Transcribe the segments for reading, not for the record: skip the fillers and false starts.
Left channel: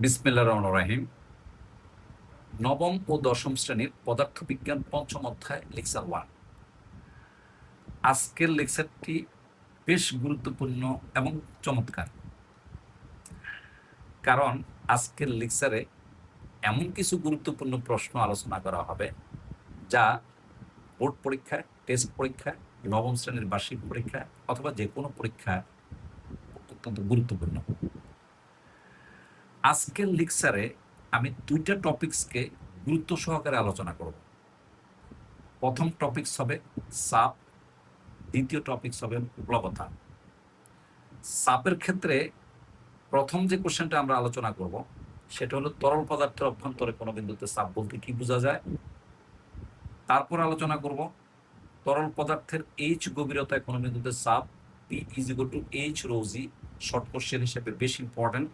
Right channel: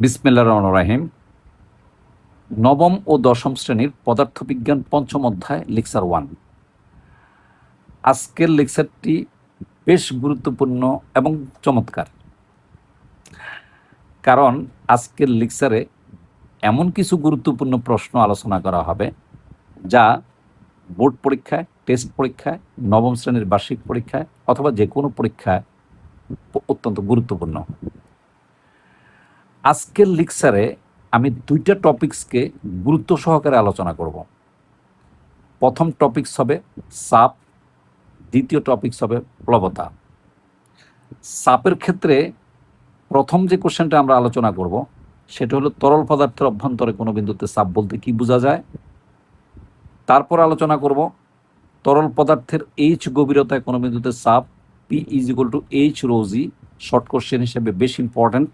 বিসমিল্লাহির রহমানির রহিম। নবম ও দশম শ্রেণীর পদার্থবিজ্ঞান পঞ্চম অধ্যায় লেকচার 1। আজকের লেকচারটি বেশ গুরুত্বপূর্ণ এবং চমৎকার, কারণ আজকের লেকচারে এমন কিছু গুরুত্বপূর্ণ প্রশ্ন আলোচনা করা হবে যা বোর্ড পরীক্ষায়, টেস্ট পরীক্ষায়, নবম শ্রেণীর বার্ষিক পরীক্ষায় অথবা যে কোনো পরীক্ষায় অত্যন্ত গুরুত্বপূর্ণ। আজকের লেকচারে আমি দুইটা টপিকসকে গুরুত্ব সহকারে আলোচনা করব। প্রথম টপিকস হবে সাপ, দ্বিতীয় টপিকস হবে প্লবতা। সাপের ক্ষেত্রে প্রথম যে কোশ্চেনটা আমরা আলোচনা করব সেটা হলো তরল পদার্থের অভ্যন্তরে কোনো বিন্দুতে চাপ বলতে কি বোঝা যায়। তারপর আলোচনা করব তরল পদার্থের এইচ গভীরতায় কোনো বিন্দুতে চাপ P is equal to H rho G, short question হিসেবে বেশ ইম্পর্ট্যান্ট,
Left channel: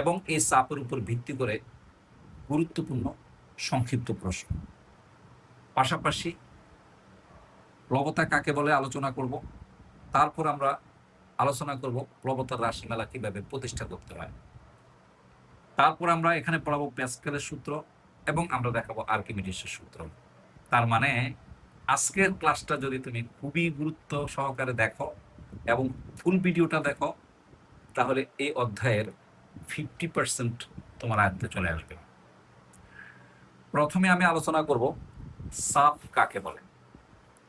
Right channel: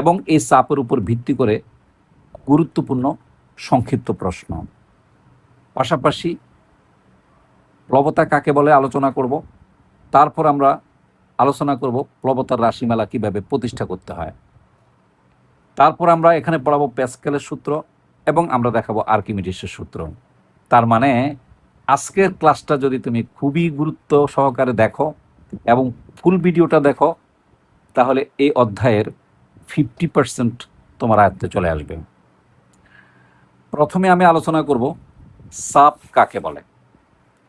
এবং এই চাপের উপর ভিত্তি করে গুরুত্বপূর্ণ সংক্ষিপ্ত প্রশ্ন। পাশাপাশি প্লবতা কাকে বলে আলোচনা করব। তারপর আমরা আলোচনা করব প্লবতার রাশিমালা কিভাবে প্রতিষ্ঠা করতে হয়। তারপর আমরা এখানে পড়াবো প্যাসকেলের সূত্র এবং আমরা দেখাবো আর্কিমিডিসের সূত্র। তার মানে আজকের ক্লাসটা যদি তুমি খুবই গুরুত্ব সহকারে দেখো এবং ফুল ভিডিওটা দেখো, তাহলে এই অধ্যায়ের 50% তোমার আয়ত্তে চলে আসবে। প্রথমে আমি আলোচনা করব চাপ কাকে বলে।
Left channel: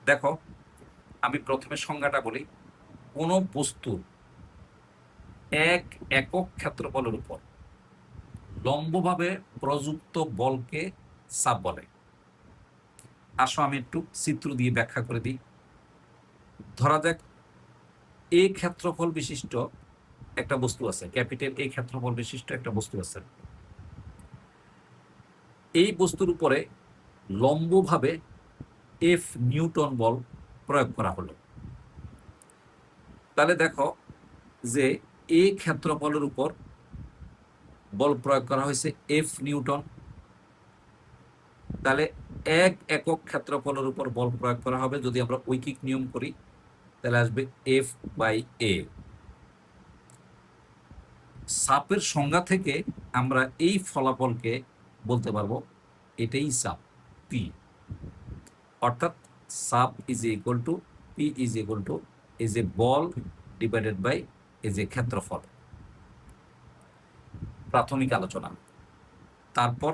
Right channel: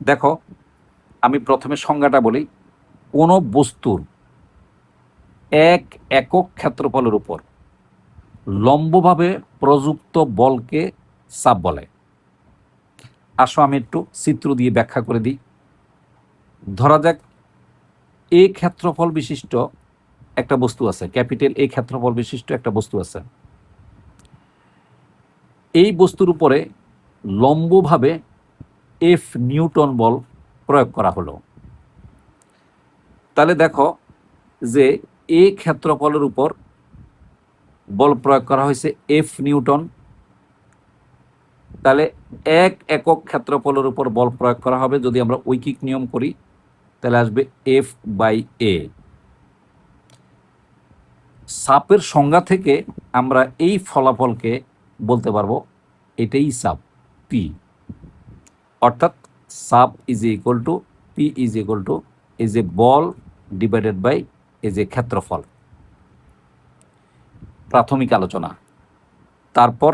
দেখো, আমি প্রথমে সংজ্ঞাটা বলি। কোনো বস্তুর এক একক ক্ষেত্রফলের উপর লম্বভাবে প্রযুক্ত বলকে চাপ বলে। আসো আমি একটু চিত্র দিয়ে ব্যাখ্যা করে দিই। ধরা যাক এই ক্ষেত্রফল বিশিষ্ট একটা বস্তু আছে, ক্যাপিটাল এই ক্ষেত্রফল বিশিষ্ট একটা বস্তু আছে। এই বস্তুর উপরে লম্বভাবে এফ নিউটন বল প্রয়োগ করা হলো। তাহলে দেখো যে এই ক্ষেত্রফলের উপর বল প্রয়োগ করা হয়েছে এফ নিউটন। তাহলে এক একক ক্ষেত্রফলের উপর বল প্রয়োগ করা হবে, যদি আমরা ঐকিক নিয়ম করি তাহলে আসবে এফ বাই এ। চাপের সংজ্ঞা থেকে আমরা এই ফলাফলকে বলতে পারবো এটাই চাপ পি, অর্থাৎ চাপ is equal to P is equal to is a বল ডিভাইডেড বাই ইজ এ ক্ষেত্রফল। প্রাথমিক আলোচনা। তারপর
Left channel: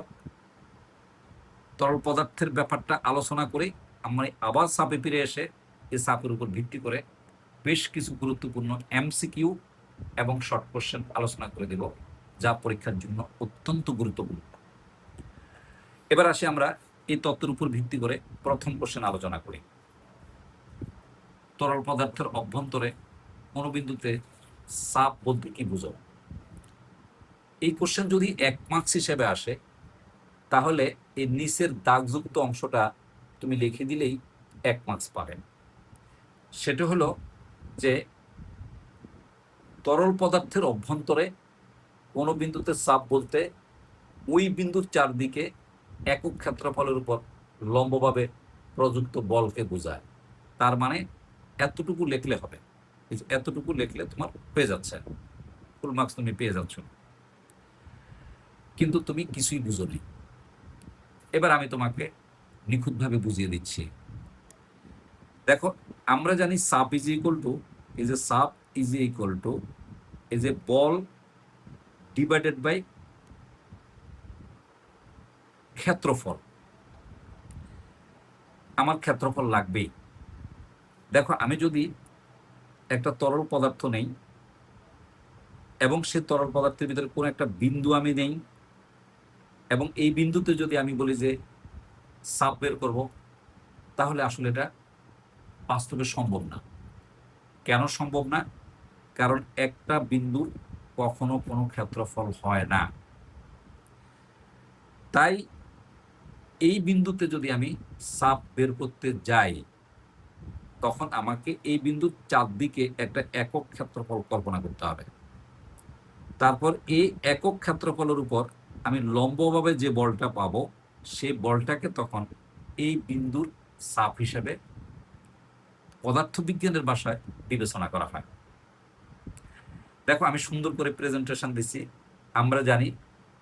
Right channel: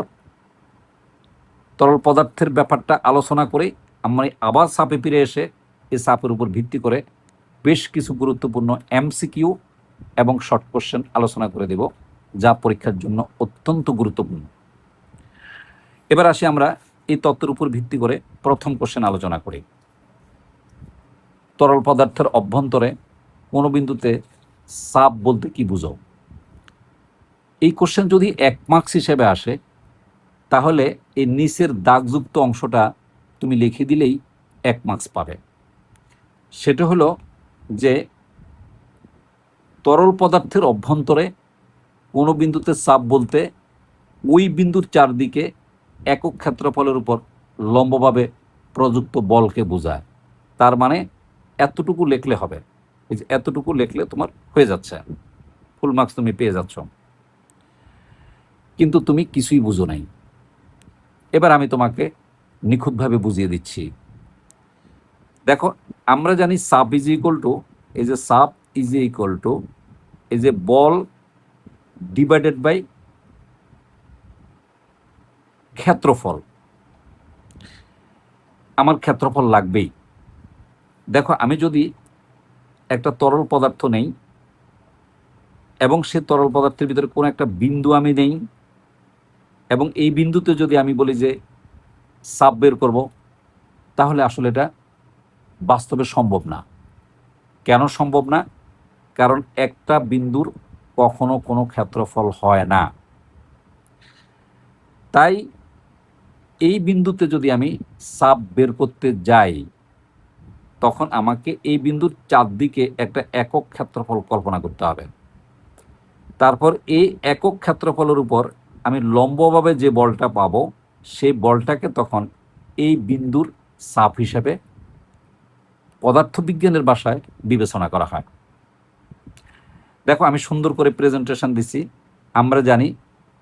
তরল পদার্থের ব্যাপারটা আলোচনা করে আমরা আবার চাপে ফিরে এসে এই চাপের উপর ভিত্তি করে বেশ কিছু গুরুত্বপূর্ণ এমসিকিউ এবং শর্ট কোশ্চেন আলোচনা করে দেব, যা পরীক্ষার জন্য অত্যন্ত গুরুত্বপূর্ণ। এবার আসি আমরা এই তত্ত্বের উপর ভিত্তি করে প্রথম কোশ্চেন আলোচনা করি। তরল পদার্থের অভ্যন্তরে কোনো বিন্দুতে চাপ বলতে কি বুঝো? এই কোশ্চেন যদি 1 মার্কস হিসেবে আসে তাহলে এই নিচের দাগযুক্ত অংশটা তুমি লিখে দিলেই 1 মার্কস পাবে। সেটা হলো যে তরল পদার্থের অভ্যন্তরে কোনো বিন্দুতে চাপ বলতে ওই বিন্দুর চারদিকে একক ক্ষেত্রফলের উপর লম্বভাবে প্রযুক্ত বলকে বোঝায়। তার মানে এতটুকু লিখলে হবে। এই যে এতটুকু লিখলে তোমার হয়ে যাচ্ছে, ফুল মার্কস তুমি পেয়ে যাচ্ছ। কিন্তু তুমি কিছুই বুঝো নাই। এবার আমি তোমাকে নিখুঁতভাবে বুঝিয়ে দিচ্ছি। দেখো, আমরা জানি চাপ ইজ ইকুয়াল টু এই যে চাপ ইজ ইকুয়াল টু এই যে বল ডিভাইডেড বাই ক্ষেত্রফল। আমার ক্ষেত্রফল লাগবেই। দেখো, আমি যদি একটা তরল পদার্থ নেই এবং সে তরল পদার্থের ভিতরে কোনো একটা বিন্দু আমি নেই, এবং এই বিন্দুতে যদি আমি বলি যে চাপ বের করব, তাহলে আসলে এটা বাস্তবে সম্ভব না। কেন সম্ভব না? কারণ একটা বিন্দুর কখনো কোনো ক্ষেত্রফল হয় না। তাই এই বিন্দুতে যদি আমি চাপ বের করতে যাই, তখন আমাকে এই বিন্দুর চারদিকে একটা একক ক্ষেত্রফল কল্পনা করতে হবে। তারপর এই একক ক্ষেত্রফলের উপর আমি লম্বভাবে যে বলটা পাবো, সেই বলটাকে তখন এই বিন্দুর চাপ হিসেবে পদার্থবিজ্ঞানের ভাষায় বিবেচনা করা হয়। দেখো, আমি সুন্দর করে প্রেজেন্টেশন দিছি, আমরা জানি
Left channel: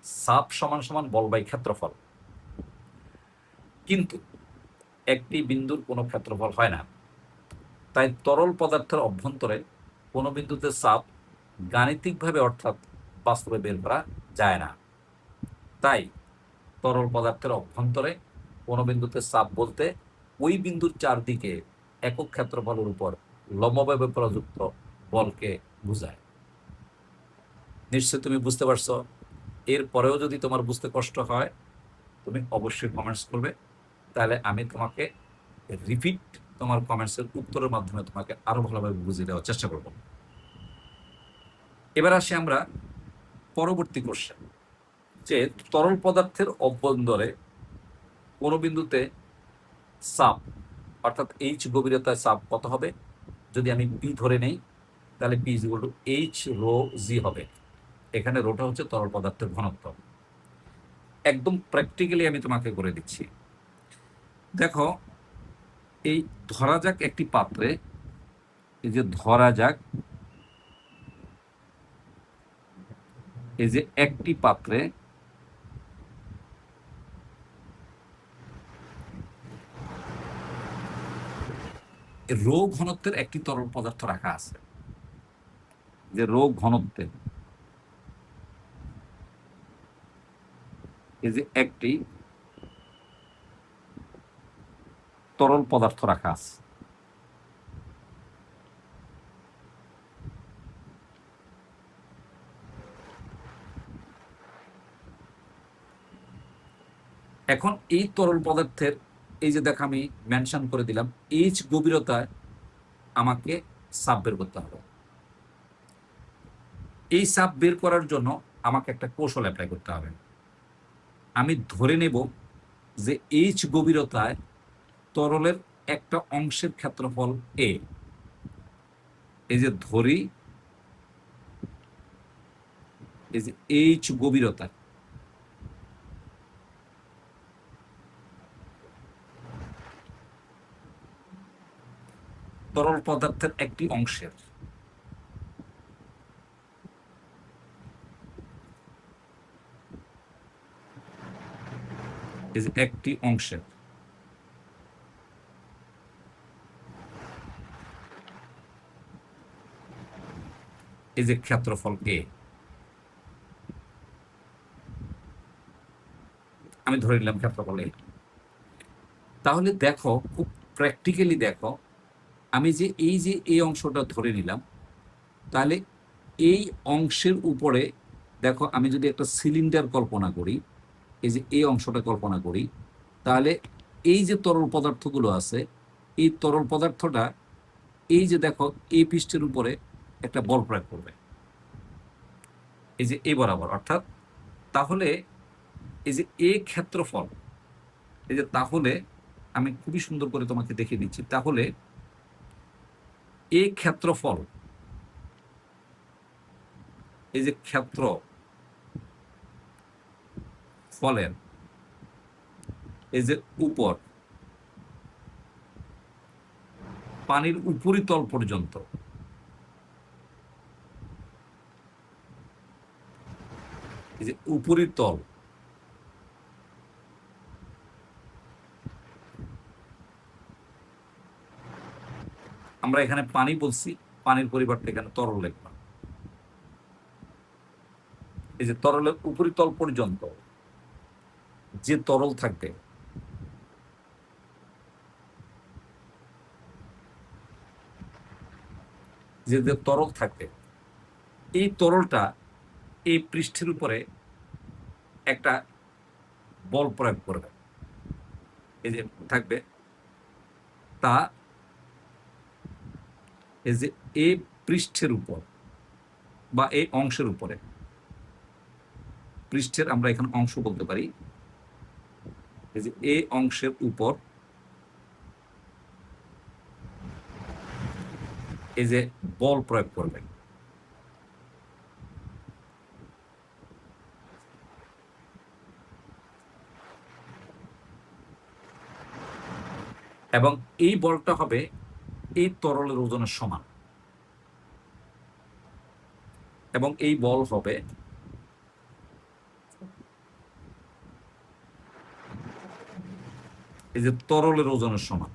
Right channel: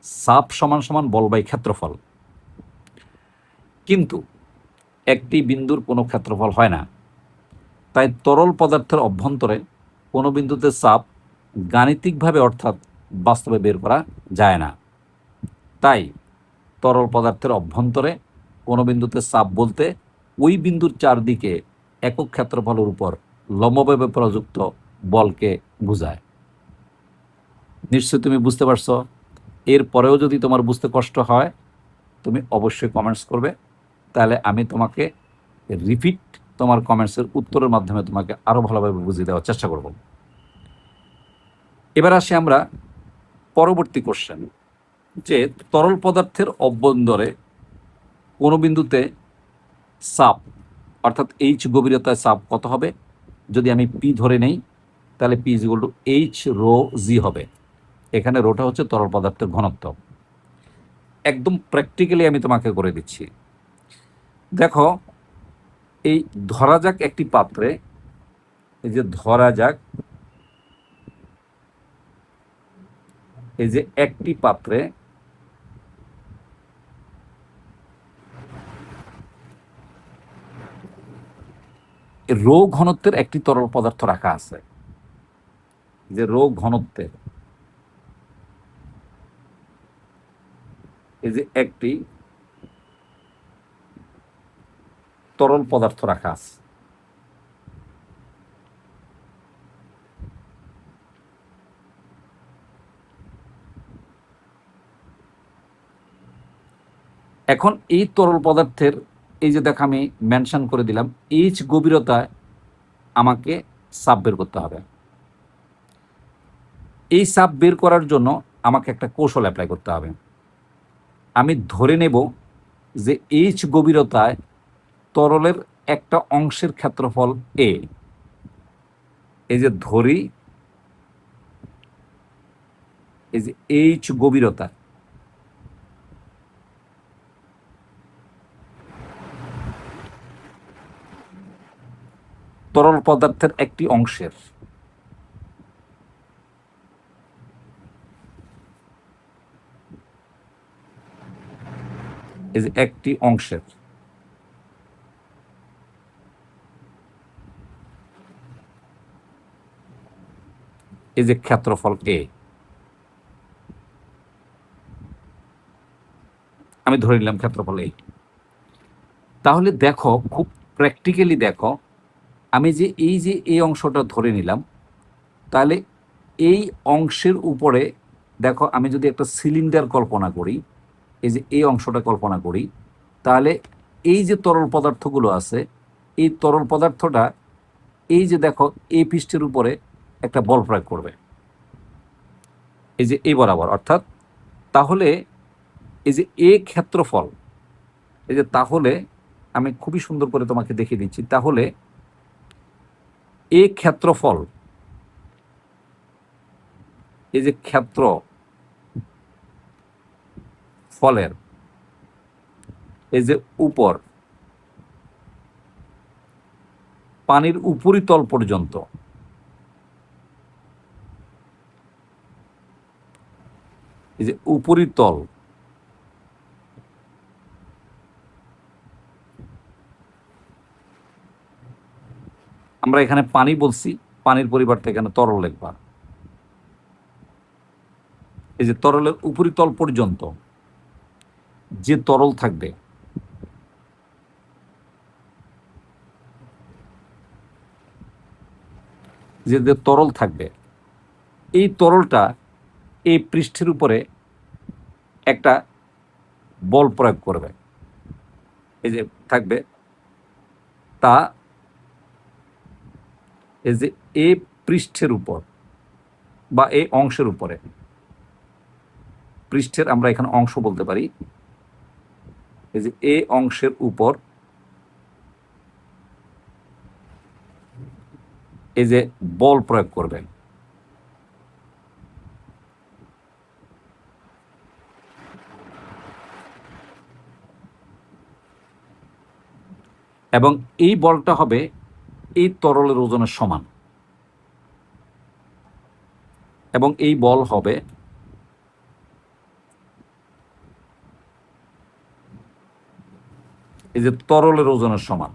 চাপ সমান সমান বল বাই ক্ষেত্রফল, কিন্তু একটি বিন্দুর কোনো ক্ষেত্রফল হয় না। তাই তরল পদার্থের অভ্যন্তরে কোনো বিন্দুতে চাপ গাণিতিকভাবে অর্থাৎ বাস্তবে বের করা যায় না। তাই তরল পদার্থের অভ্যন্তরে কোনো বিন্দুতে চাপ বলতে ওই বিন্দুর চারদিকে একক ক্ষেত্রফলের উপর লম্বভাবে প্রযুক্ত বলকে বোঝায়। নিশ্চয়ই তুমি বুঝতে পারছো। এরপরেও যদি তোমার বুঝতে কষ্ট হয় তুমি অবশ্যই কমেন্টস করবে, তাহলে আমি তোমাকে রিপিট তোমার কমেন্টসের উত্তরের মাধ্যমে তোমাকে আরও ভালোভাবে বুঝিয়ে দেওয়ার চেষ্টা করব। এবার আসি আমরা পরবর্তী কোশ্চেন, যে তরল পদার্থের অভ্যন্তরে কোনো বিন্দুতে চাপ অর্থাৎ এইচ গভীরতায় চাপ কত হবে। যদি আমি পি ধরে নেই তাহলে P is equal to H rho G হবে। এখানে রোটা হচ্ছে তরল পদার্থের ঘনত্ব। একদম প্র্যাকটিক্যালি আমি তোমাকে করে দিচ্ছি। দেখো, এই ধরা যাক একটি পাত্রে, এই যে ধরা যাক এই যে একটি পাত্রে রো ঘনত্বের একটি তরল পদার্থ রাখা আছে। যে রো ঘনত্বের এই যে একটি তরল পদার্থ রাখা আছে। এখন এই তরল পদার্থের এই যে দেখ আমি মেনশন করে দিলাম এইচ গভীরতায় আমাকে চাপ বের করতে হবে। এই চাপ বের করার জন্য আমাকে একটা কৌশল অ্যাপ্লাই করতে হবে। আমি ধরে নেব যে এইচ গভীরতায় তরলের একটা অংশের ক্ষেত্রফল এ। এই যে ধরি এই যে এইচ গভীরতা তরল পদার্থের একটি অংশের, এই যে একটি অংশের এই যে ক্ষেত্রফল এ, আমি ধরে নিলাম ক্ষেত্রফল এ। তাহলে দেখো, খুব প্র্যাকটিক্যালি দেখো, আমি যে এই অংশটা ধরে নিলাম, তাহলে এই অংশের উপরে দেখো আমি যদি একটা সিলিন্ডার কল্পনা করি, এই যে এই অংশটা কল্পনা করি, তাহলে এই যে তরল পদার্থগুলো আছে এই তরল পদার্থটা এই যে দেখো এই পৃষ্ঠের উপরে একটা বল প্রয়োগ করবে এই যে এই বরাবর। অর্থাৎ তাহলে এই যে এ ক্ষেত্রফল, এই যে তাহলে আমি খুবই সুন্দর করে তোমাকে দেখিয়ে দিচ্ছি। তাহলে এ ক্ষেত্রফল, এই যে ক্ষেত্র ফলের এই যে উপর পানির উপরিতল পর্যন্ত, এই যে উপরিতল, আমরা এখানে পানি বলছি, পানির পরিবর্তে এখানে তরল লিখবা। এই যে তরলের উপরিতল পর্যন্ত যে তরল থাকবে, যে তরল থাকবে, এই তরলটা এই পৃষ্ঠের উপরে একটা বল প্রয়োগ করবে। এই যে থাকবে তা এই যে এই পৃষ্ঠের উপর বা এই অংশের উপরে, পৃষ্ঠের আমরা এখানে অংশ বলতে পারি, এই যে এই অংশের উপর এই যে বল প্রয়োগ করবেন। এবং এই বলটা হবে এই তরলের ওজনের সমান, এবং এই বল হবে এই যে তরলের ওজনের সমান,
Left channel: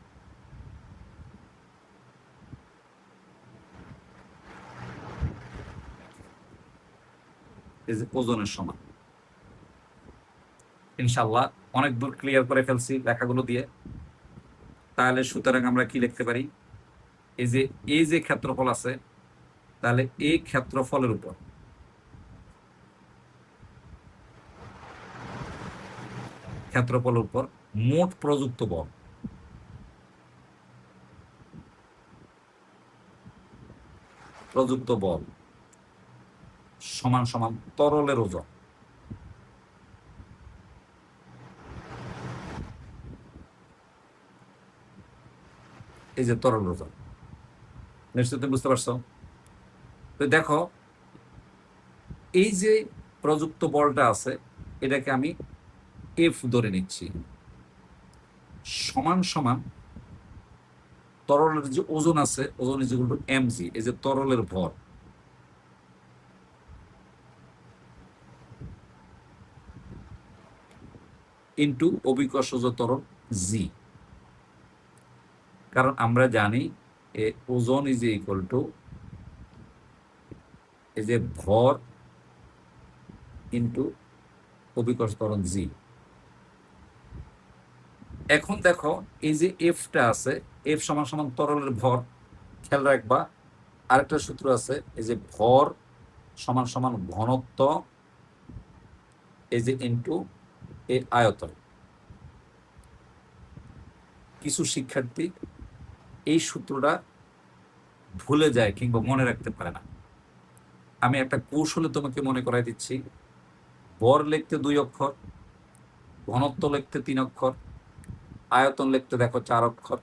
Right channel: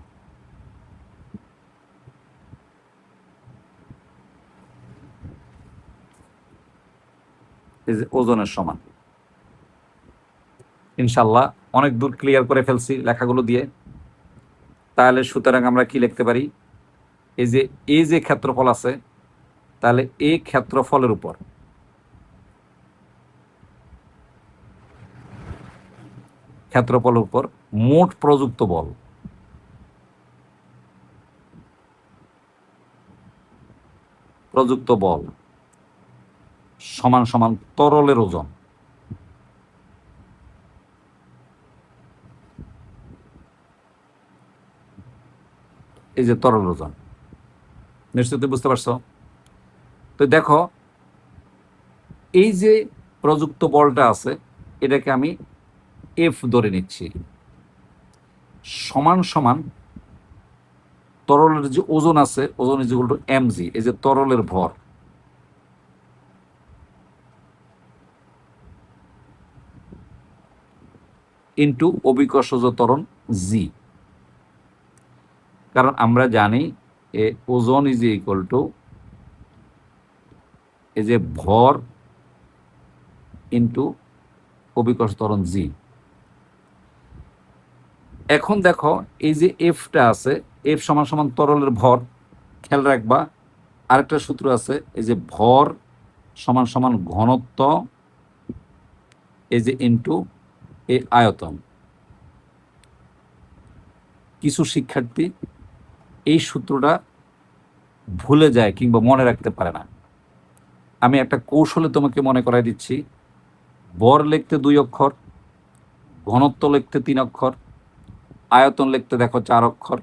এই যে ওজনের সমান। ইনশাল্লাহ অনেক দূর ক্লিয়ার করে ফেলছি লেখাগুলো দিয়ে। তাহলে সুতরাং আমরা কি লিখতে পারি, এই যে ক্ষেত্রফল আছে, তাহলে এই ক্ষেত্রফলের উপর মোট প্রযুক্ত বল সমান সমান তরলের ওজন। এই যে তরল ওজন, নিশ্চয়ই বুঝতে পারছো? তো দেখো, এই যে প্রযুক্ত বলটা আছে, এটাকে আমি এফ ধরে নিচ্ছি, সমান সমান তরলের যে ওজন আছে, ওজন ইজ ইকুয়াল টু এমজি, এই যে তরলের ভর, ইন্টু অভিকর্ষজ ত্বরণ জি। কারণ আমরা জানি ওজন ইজ ইকুয়াল টু এই যে ভর ইন্টু অভিকর্ষ ত্বরণ জি। এখন দেখো, এই যে এফটা আছে, এফ সমান সমান তরলের ভর। খেয়াল রাখবা, আরেকটা সূত্র আছে, এই যে ভর সমান সমান ঘনত্ব, এই যে ইন্টু এই আয়তন। কিছু শিক্ষার্থী এই সূত্রটা ভুলে যায় কিংবা মনে রাখতে পারে না। আমি একটা কৌশলে তোমাকে মনে করাই দিচ্ছি। ভর লিখতে 2 অক্ষর, ঘনত্ব লিখতে 3 অক্ষর, আয়তন লিখতে দেখো 4 অক্ষর।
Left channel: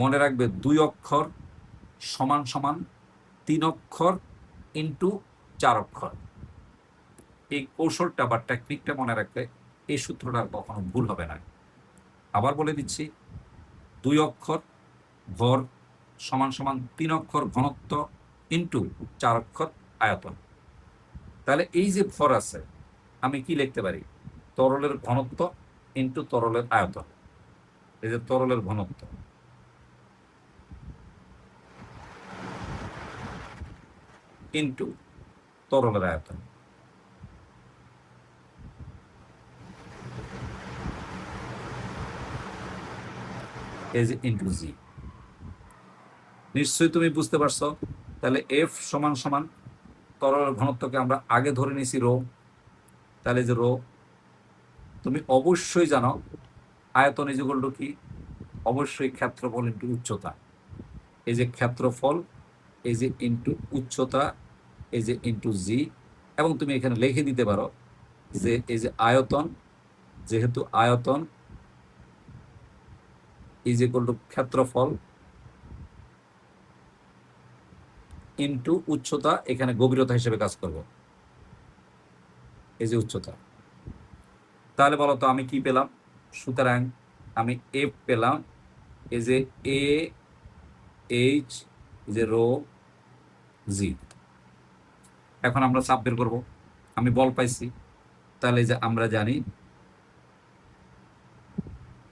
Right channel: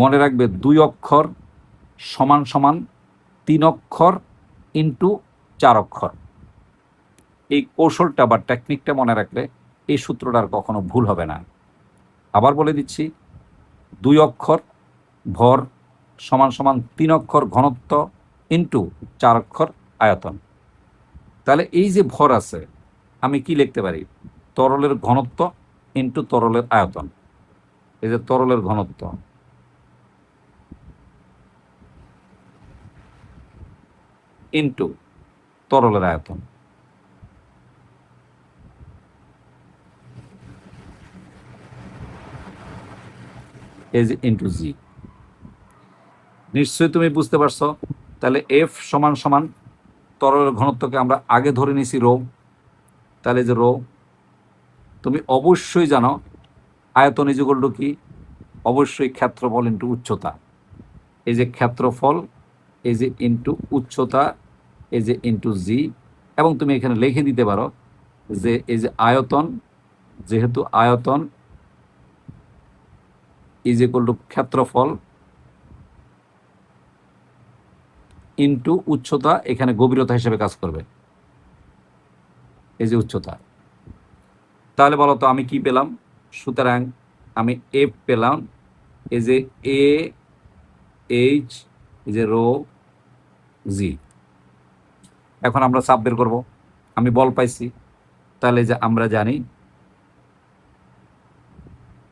মনে রাখবে 2 অক্ষর সমান সমান 3 অক্ষর ইন্টু 4 অক্ষর। এই কৌশলটা বা টেকনিকটা মনে রাখলে এই সূত্রটা আর কখনো ভুল হবে না। আবার বলে দিচ্ছি, 2 অক্ষর ভর সমান সমান 3 অক্ষর ঘনত্ব ইন্টু 4 অক্ষর আয়তন। তাহলে এই যে ভর আছে, আমি কি লিখতে পারি, তরলের ঘনত্ব ইন্টু তরলের আয়তন। এই যে তরলের ঘনত্ব ইন্টু তরলের আয়তন, এই যে ইন্টু জি। নিশ্চয়ই তুমি বুঝতে পারছো। তাহলে এফ সমান সমান তরলের ঘনত্বকে আমরা আগে ধরে নিছি রো। তাহলে যে রো, তুমি অবশ্যই জানো আয়তন ইজ ইকুয়াল টু কি, অবশ্যই ক্ষেত্রফল ইন্টু উচ্চতা। এই যে ক্ষেত্রফল, এই যে ইন্টু উচ্চতা, এই যে ইন্টু জি। এবং তুমি এখানে লিখে দিতে পারো যে এই যে আয়তন, যেহেতু আয়তন ইজ ইকুয়াল টু ক্ষেত্রফল ইন্টু উচ্চতা, এখানে গভীরতা হিসেবে কাজ করবে, এই যে উচ্চতা। তাহলে বলো তো আমি কি পেলাম? সুতরাং আমি এফ পেলাম, এই যে এ এইচ, এই যে রো জি। এখন আমরা চাপ বের করবো। আমি বল পাইছি, তাহলে যে আমরা জানি,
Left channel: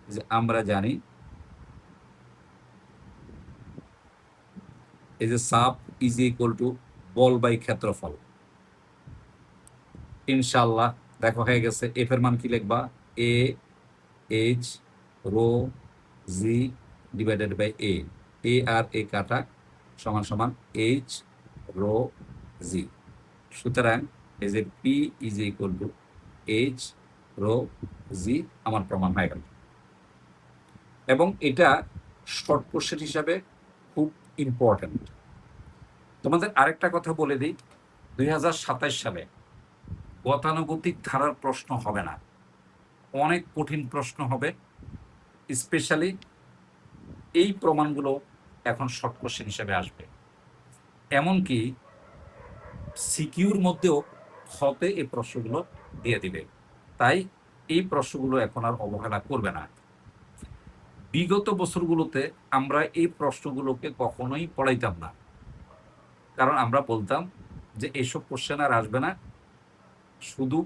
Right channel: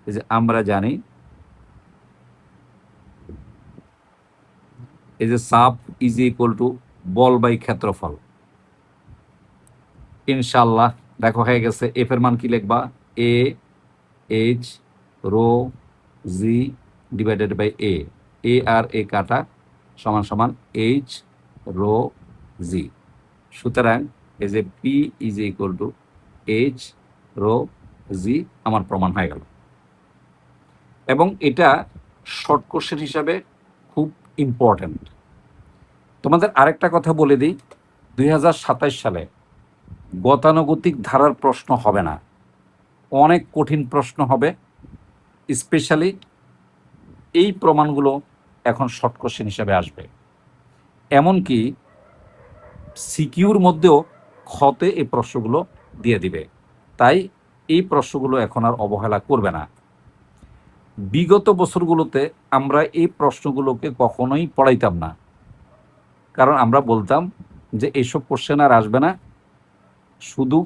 এই যে আমরা জানি এই যে চাপ ইজ ইকুয়াল টু বল বাই ক্ষেত্রফল। ইনশাল্লাহ দেখো হয়ে গেছে। এফ এর মান কি লিখবা, A H rho G divided by A আর এ কাটা, সমান সমান এইচ রো জি। সুতরাং এই যে P is equal to H rho G আমার প্রমাণ হয়ে গেল। এবং এটা শর্ট কোশ্চেন হিসাবে খুব ইম্পর্টেন্ট। তোমাদের আরেকটা কথা বলে দিই, 2027 সালে গতানুগতিক ধারার প্রশ্ন হবে না, অনেক কঠিন প্রশ্ন হবে। স্পেশালি এই প্রমাণগুলো এখন শর্ট কোশ্চেন হিসেবে আসবে। এমনকি সিকিউর মধ্যেও খতে এই প্রশ্নগুলো দিয়ে দিবে। তাই এই প্রশ্নগুলো এখন আর অবহেলা করবে না। বিগত বছরগুলোতে আমরা এই প্রশ্নগুলোকে কখনোই পড়াইতাম না, কারণ আমরা বলতাম যে এইসব কোশ্চেন আর আসবে না, শুধু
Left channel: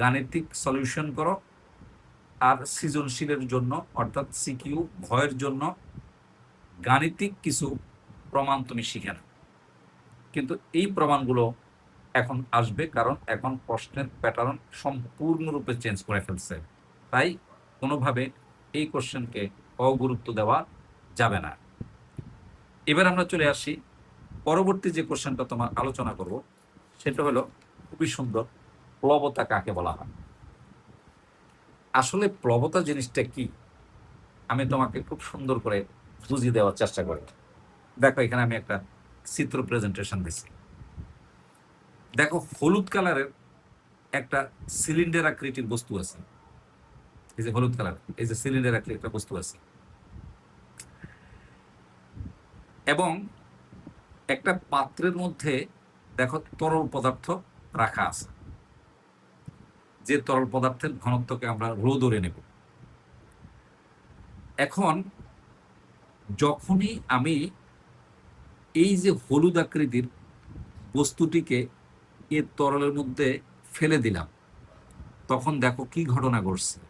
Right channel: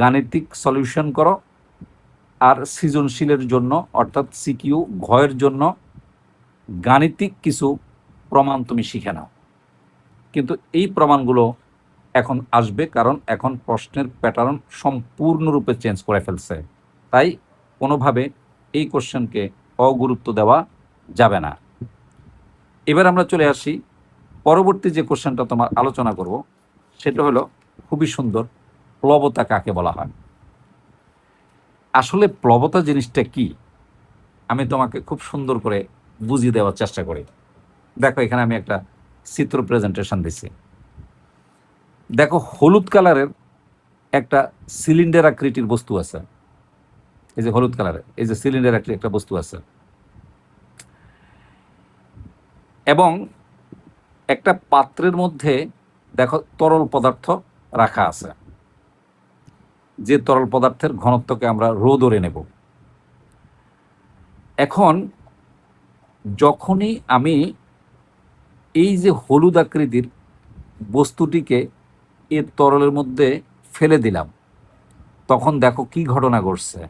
গাণিতিক সলিউশন করো, আর সৃজনশীলের জন্য অর্থাৎ সিকিউ ঘয়ের জন্য গাণিতিক কিছু প্রমাণ তুমি শিখে নাও। কিন্তু এই প্রমাণগুলো এখন আসবে, কারণ এখন প্রশ্নের প্যাটার্ন সম্পূর্ণরূপে চেঞ্জ করে ফেলছে। তাই কোনোভাবে এই কোশ্চেনকে অগুরুত্ব দেওয়া যাবে না। এবার আমরা চলে আসি পরবর্তী যে কোশ্চেনটা তোমার আলোচনা করব, সেটা হলো খুবই সুন্দর, প্লবতা কাকে বলা হয়। আসলে প্লবতা জিনিসটা কি আমি তোমাকে খুব সুন্দর করে বুঝিয়ে দেওয়ার চেষ্টা করি। দেখো এখানে আমি একটা চিত্র প্রেজেন্টেশন দিচ্ছি। দেখো হলুদ কালারের একটা সিলিন্ডার আকৃতির বস্তু আছে, এই যে হলুদ কালারের এই যে সিলিন্ডার আকৃতির একটা বস্তু আছে, এবং একটা পাত্রের মধ্যে দেখো তরল পদার্থ রাখা আছে, যে তরল পদার্থের ঘনত্বকে আমরা রো ধরে নেব। এখন যখনই আমি এই যে হলুদ আকৃতির বস্তুটিকে এই তরলের মধ্যে ফেলে দিলাম, তখন দেখো কি ঘটনা ঘটছে,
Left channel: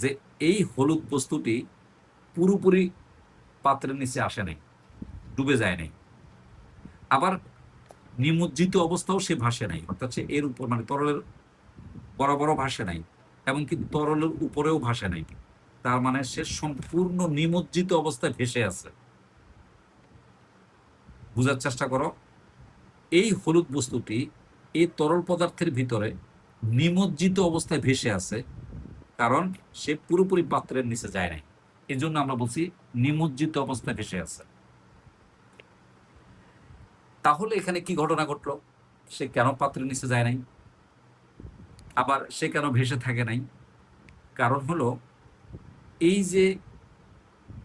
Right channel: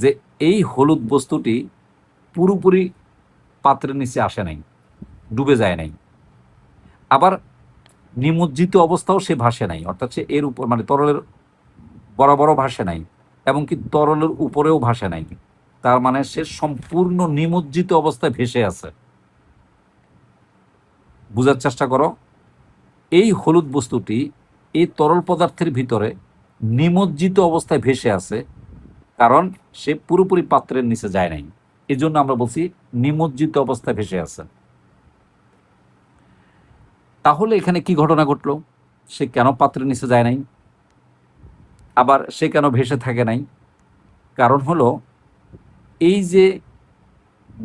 যে এই হলুদ বস্তুটি পুরোপুরি পাত্রের নিচে আসে নাই, ডুবে যায় নাই, আবার নিমজ্জিত অবস্থাও সে ভাসে নাই, অর্থাৎ সে এর উপর মানে তরলের বরাবরও ভাসে নাই, এবং কি তরলের উপরেও ভাসে নাই। তার মানে সে সম্পূর্ণ নিমজ্জিত অবস্থায় ভেসে আছে। বুঝার চেষ্টা করো, এই হলুদ বস্তুটি এই তরল পদার্থের ভিতরে নিমজ্জিত অবস্থায় ভেসে আছে, কারণ সে পুরোপুরি পাত্রের নিচে যায় নাই। এই জন্য আমরা বলছি নিমজ্জিত অবস্থায় ভেসে আছে। তাহলে এখানে কি ঘটনা ঘটলো, সে কেন পাত্রের নিচে যায় নাই, আবার সে কেন ভেসে থাকে নাই? কারণ হলো এই যে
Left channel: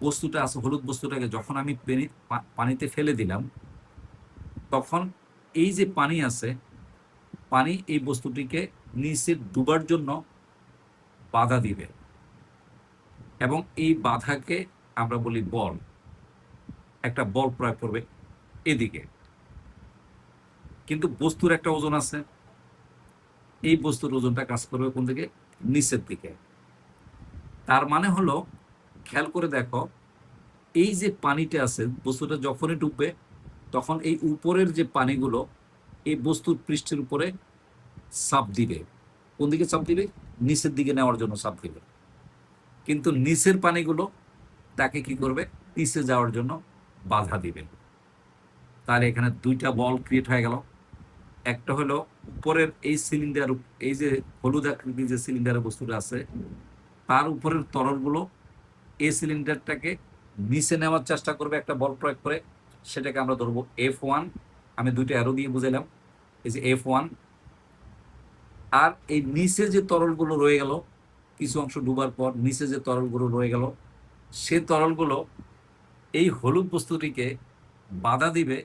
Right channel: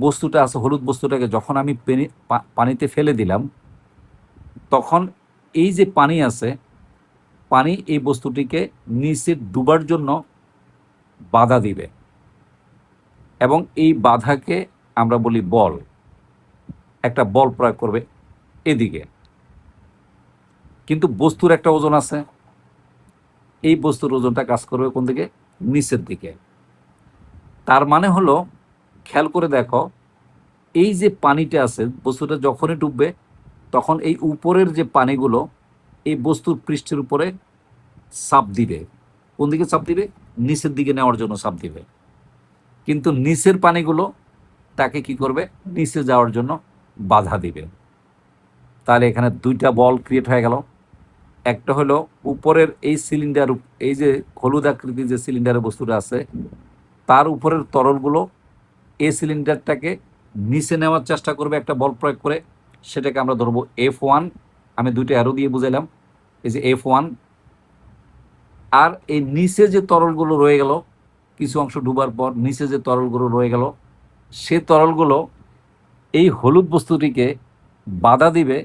বস্তুটা আছে, হলুদ বস্তুটাকে যখন আমি পানিতে ফেলে দিলাম, তখন এই যে পানি আছে, পানি এই বস্তুটিকে নিচে ডুবার জন্য বাধা দিবে, এবং এই বাধাকে আমরা বলি বল। একটা বল প্রয়োগ করবে এদিকে, কিন্তু বস্তুর একটা ওজন আছে, এই বস্তুর ওজনটা কাজ করবে কোন দিকে, নিচের দিকে। তার মানে হলো, খেয়াল করে দেখো, এই যে পানিটা আছে, বস্তুটা যখনই ডুববে তখন এই উপরের যে পানিগুলো এই বস্তুর পৃষ্ঠের উপরে চাপ দিবে। কোন দিকে চাপ দিবে, নিচের দিকে নেওয়ার জন্য চাপ দিবে। কিন্তু নিচের পানিগুলো তাকে কি করবে, নিচে যাওয়ার জন্য বাধা দিবে। তাহলে এখানে দুইটা বল ক্রিয়েট হয়ে গেল। একটা হলো উপরের এই সিলিন্ডার, এই যে হলুদ আকৃতির যে সিলিন্ডারের বস্তুটা আছে, তার উপরের তরলগুলো এই সিলিন্ডারটাকে নিচে নেওয়ার চেষ্টা করবে একটা বল প্রয়োগ করে, সেটাকে আমরা ধরবো F1। আমি দুইটা অ্যারো দিয়ে বুঝাইলাম, এই যে F1। আর এই নিচে যে তরলগুলো রয়ে গেল, কিছু অংশ ডুবার পর নিচে যে তরলগুলো রয়ে গেল, সে তরলগুলো এই হলুদ বস্তুটিকে বাধা দিবে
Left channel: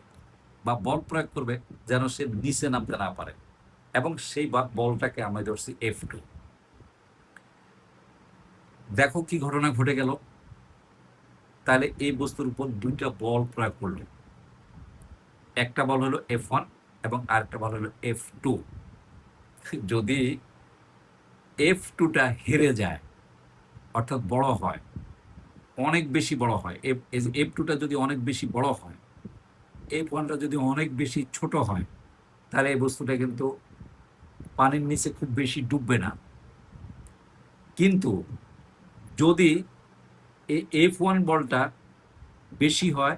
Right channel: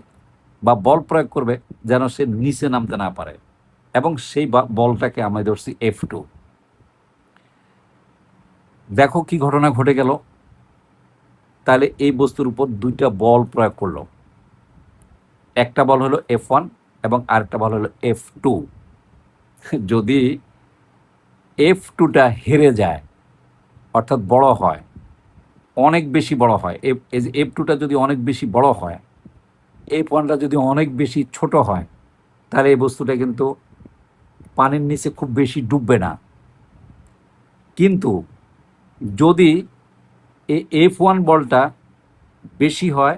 বা বল প্রয়োগ করবে যেন সে নিচে নামতে না পারে, এবং সেই বলটাকে আমরা ধরছি F2। দেখো কি ঘটনা ঘটে গেল। তাহলে এই বস্তুর উপর দুইটা বল প্রয়োগ করলো, একটা বল হলো F1 এবং আরেকটা বল হলো F2। যদি F2টা হেরে যায়, অর্থাৎ বড় হয়, অনেক বেশি বড় হয়, এই যে F2টা যদি অনেক বেশি বড় হয়, F1টা যদি অনেক বেশি ছোট হয়, তাহলে এই বস্তুটা কিন্তু পানির নিচে খুব বেশি ডুববে না। কিন্তু যদি এই F1 বলটা বেশি হয়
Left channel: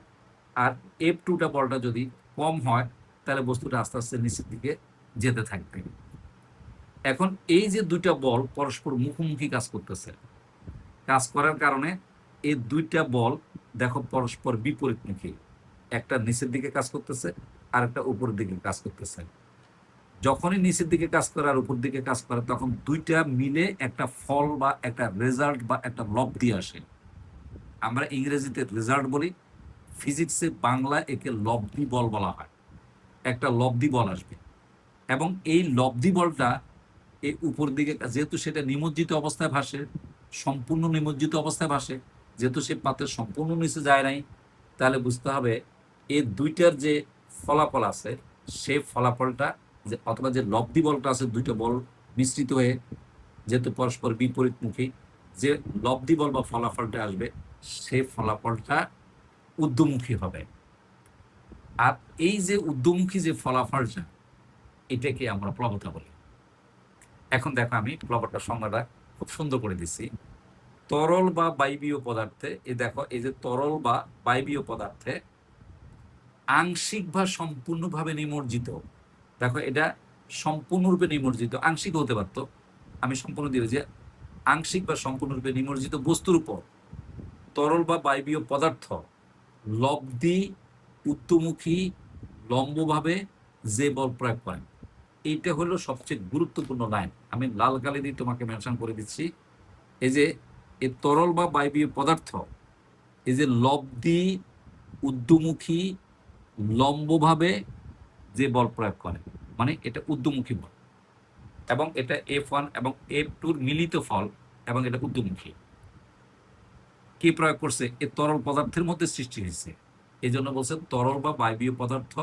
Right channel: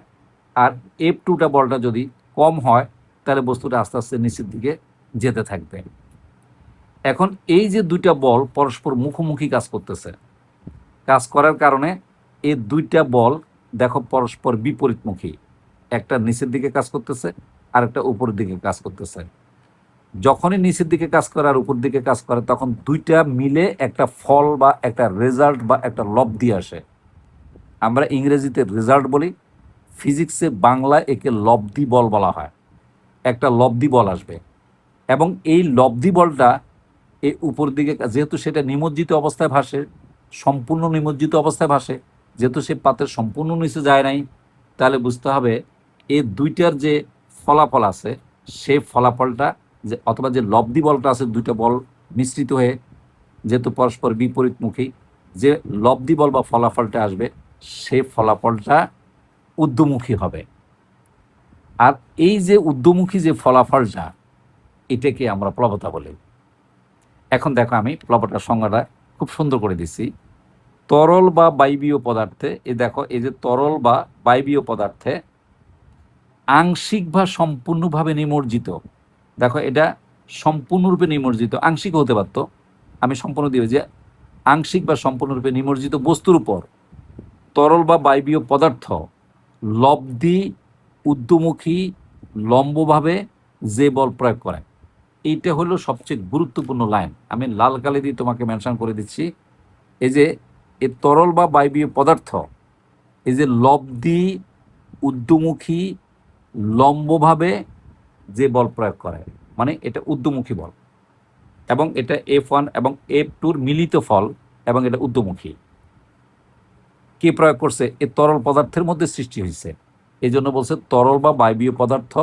আর F2টা বলটা যদি কম হয়, তাহলে বস্তুটা আস্তে আস্তে নিচের দিকে যেতে থাকবে। এখন এই যে দুইটা বল পরস্পর মুখোমুখি কাজ করতেছে, কাজ করার কারণে এই দুইটা বল দেখো পরস্পর বিপরীতমুখী, একটা নিচের দিকে কাজ করতেছে আর একটা উপরের দিকে কাজ করতেছে। যখনই নিচের দিকে কাজ করে আর উপর দিকে কাজ করে, তখন দুইটা মিলে একটা ফল বা একটা রেজাল্ট বা একটা লব্ধি আসে। আমরা ইংরেজিতে রেজাল্ট বলি, ফিজিক্সে বাংলায় একে লব্ধি বল বলা হয়। একটা লব্ধি বল আসবে, এবং এই লব্ধি বলটা এই উপর দিকে, যেহেতু সেটা নিমজ্জিত অবস্থায় ভাসে, সম্পূর্ণ নিমজ্জিত অবস্থায় ভাসে, যেহেতু সে পাত্রের সম্পূর্ণ নিচে যায় নাই, তাহলে বুঝতে হবে এই দুইটার যে ফলাফল আছে, সেই ফলাফলটা যে অথবা যে লব্ধি বলটা আছে, দুইটা বল মিশ্রিত হয়ে যেহেতু পরস্পর বিপরীতমুখী, যে লব্ধি বল বা ফলাফলটা আসবে সেই ফলাফলটা ঊর্ধ্বমুখী হবে। আর এই যে ঊর্ধ্বমুখী যে ফলাফলটা, এটাকে আমরা প্লবতা বলি। এখন দেখো আমি প্লবতার সংজ্ঞাটা খুব সুন্দর করে দিচ্ছি। তরল বা বায়বীয় পদার্থে, এই দেখো এই যে তরল বা বায়বীয় পদার্থে আংশিক বা সম্পূর্ণভাবে নিমজ্জিত, দেখো এটা সম্পূর্ণরূপে নিমজ্জিত, আংশিক হতে পারতো, আমি সম্পূর্ণ দিই যে আংশিক বা সম্পূর্ণরূপে নিমজ্জিত বস্তুর উপর তরল বা বায়বীয় পদার্থ লব্ধি ঊর্ধ্বমুখী লম্বভাবে যে বল প্রয়োগ করে, এইটা হলো সবচেয়ে গুরুত্বপূর্ণ লাইন। আমি লাল কালি দিয়ে তোমাকে মেনশন করে দিচ্ছি। এই যে এই তরল বা বায়বীয় পদার্থ এই যে লব্ধি ঊর্ধ্বমুখী লম্বভাবে যে বল প্রয়োগ করে, মানে এটা ঊর্ধ্বমুখী বল, এবং এটা F1 এবং F2 মিলিত ফল, এবং এটা ঊর্ধ্বমুখী। কে প্রয়োগ করছে? এই তরল পদার্থের মধ্যে সৃষ্টি হয়েছে। এই জন্য বলছে তরল বা বায়বীয় পদার্থ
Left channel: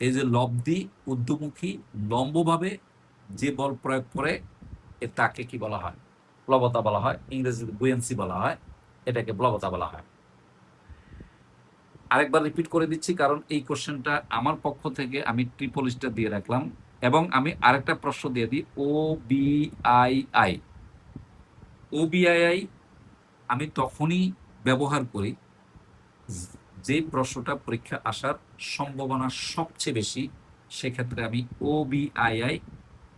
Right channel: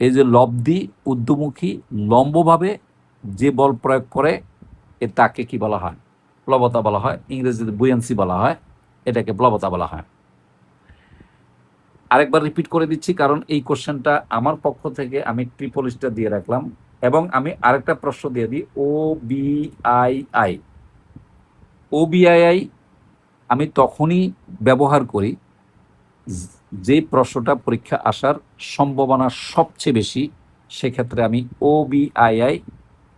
এই যে লব্ধি ঊর্ধ্বমুখী লম্বভাবে যে বল প্রয়োগ করে, তাকে কি বলা হয়? প্লবতা বলা হয়। ইংরেজিতে বুয়ান্সি বলা হয়, এটাকে প্লবতা বলা হয়। আরেকবার রিপিট করে দিচ্ছি, কারণ এই কোশ্চেনটা আমার পক্ষ থেকে আমি ট্রিপল স্টার দিয়ে রাখলাম। এবং আমি আরেকটা প্রশ্ন দিয়ে দিই, OBII। OBII আমি তখনই ব্যবহার করি যে প্রশ্নটা পরীক্ষা আসার সম্ভাবনা সবচেয়ে বেশি, সেক্ষেত্রে আমি OBII